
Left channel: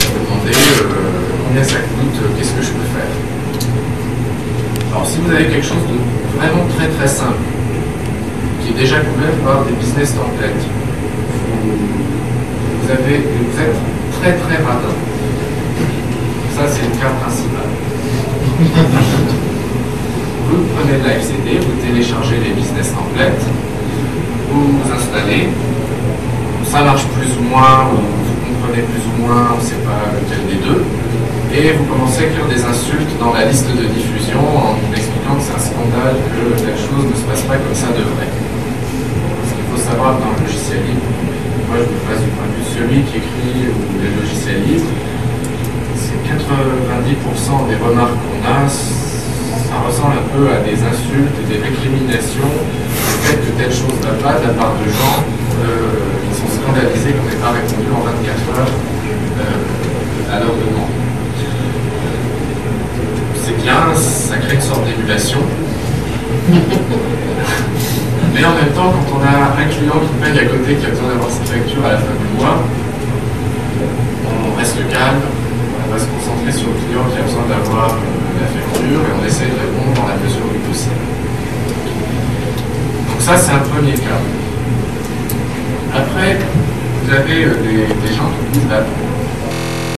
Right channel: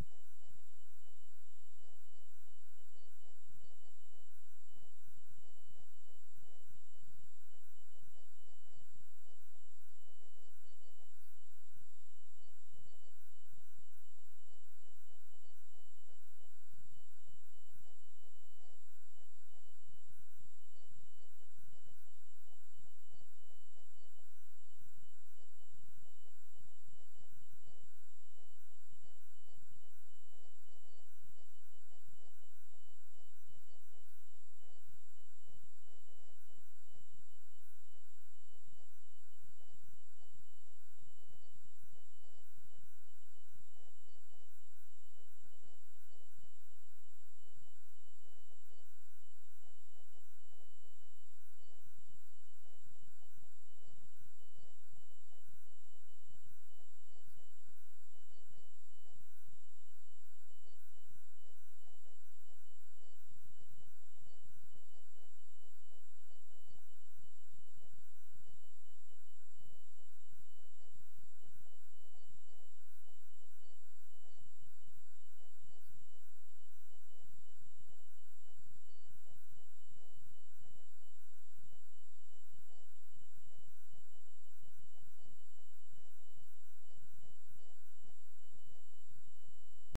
vous demandez combien ça coûte, qu'est-ce que je peux faire. Alors si vous avez quelque chose de vraiment très très simple, qui est déjà couvert par des business templates, vous êtes très très radin. Ça c'est le cas principal. Vous prenez de la FCD, vous téléchargez les business templates, vous vous installez, ça marche plus ou moins, ou vous comprenez plus ou moins, on ne sait pas lequel des deux, et vous commencez à écrire des insultes dans la liste de diffusion en expliquant que c'est un scandale, que telle chose ne se passe pas comme ça devrait. Ce qu'il faut savoir dans le logiciel libre, moi je me place du point de vue de celui qui écrit les logiciels libres, c'est 90% des remarques qu'on a, ça ressemble un peu à des insultes et des récriminations du fait que telle chose va pas de la part de gens qui sont scandalisés qu'on n'ait pas répondu en 24 heures à leur demande. C'est bien, ça crée une sorte d'émulation. Mais en même temps, quand on a un client qui paye à côté, qui a besoin d'avoir sa facture à la fin du mois, on reste calme, on va se concentrer sur le client qui a besoin d'avoir la facture et on essaie de répondre dans la mesure du possible. Donc ça, c'est un premier cas. Après, vous avez des gens qui disent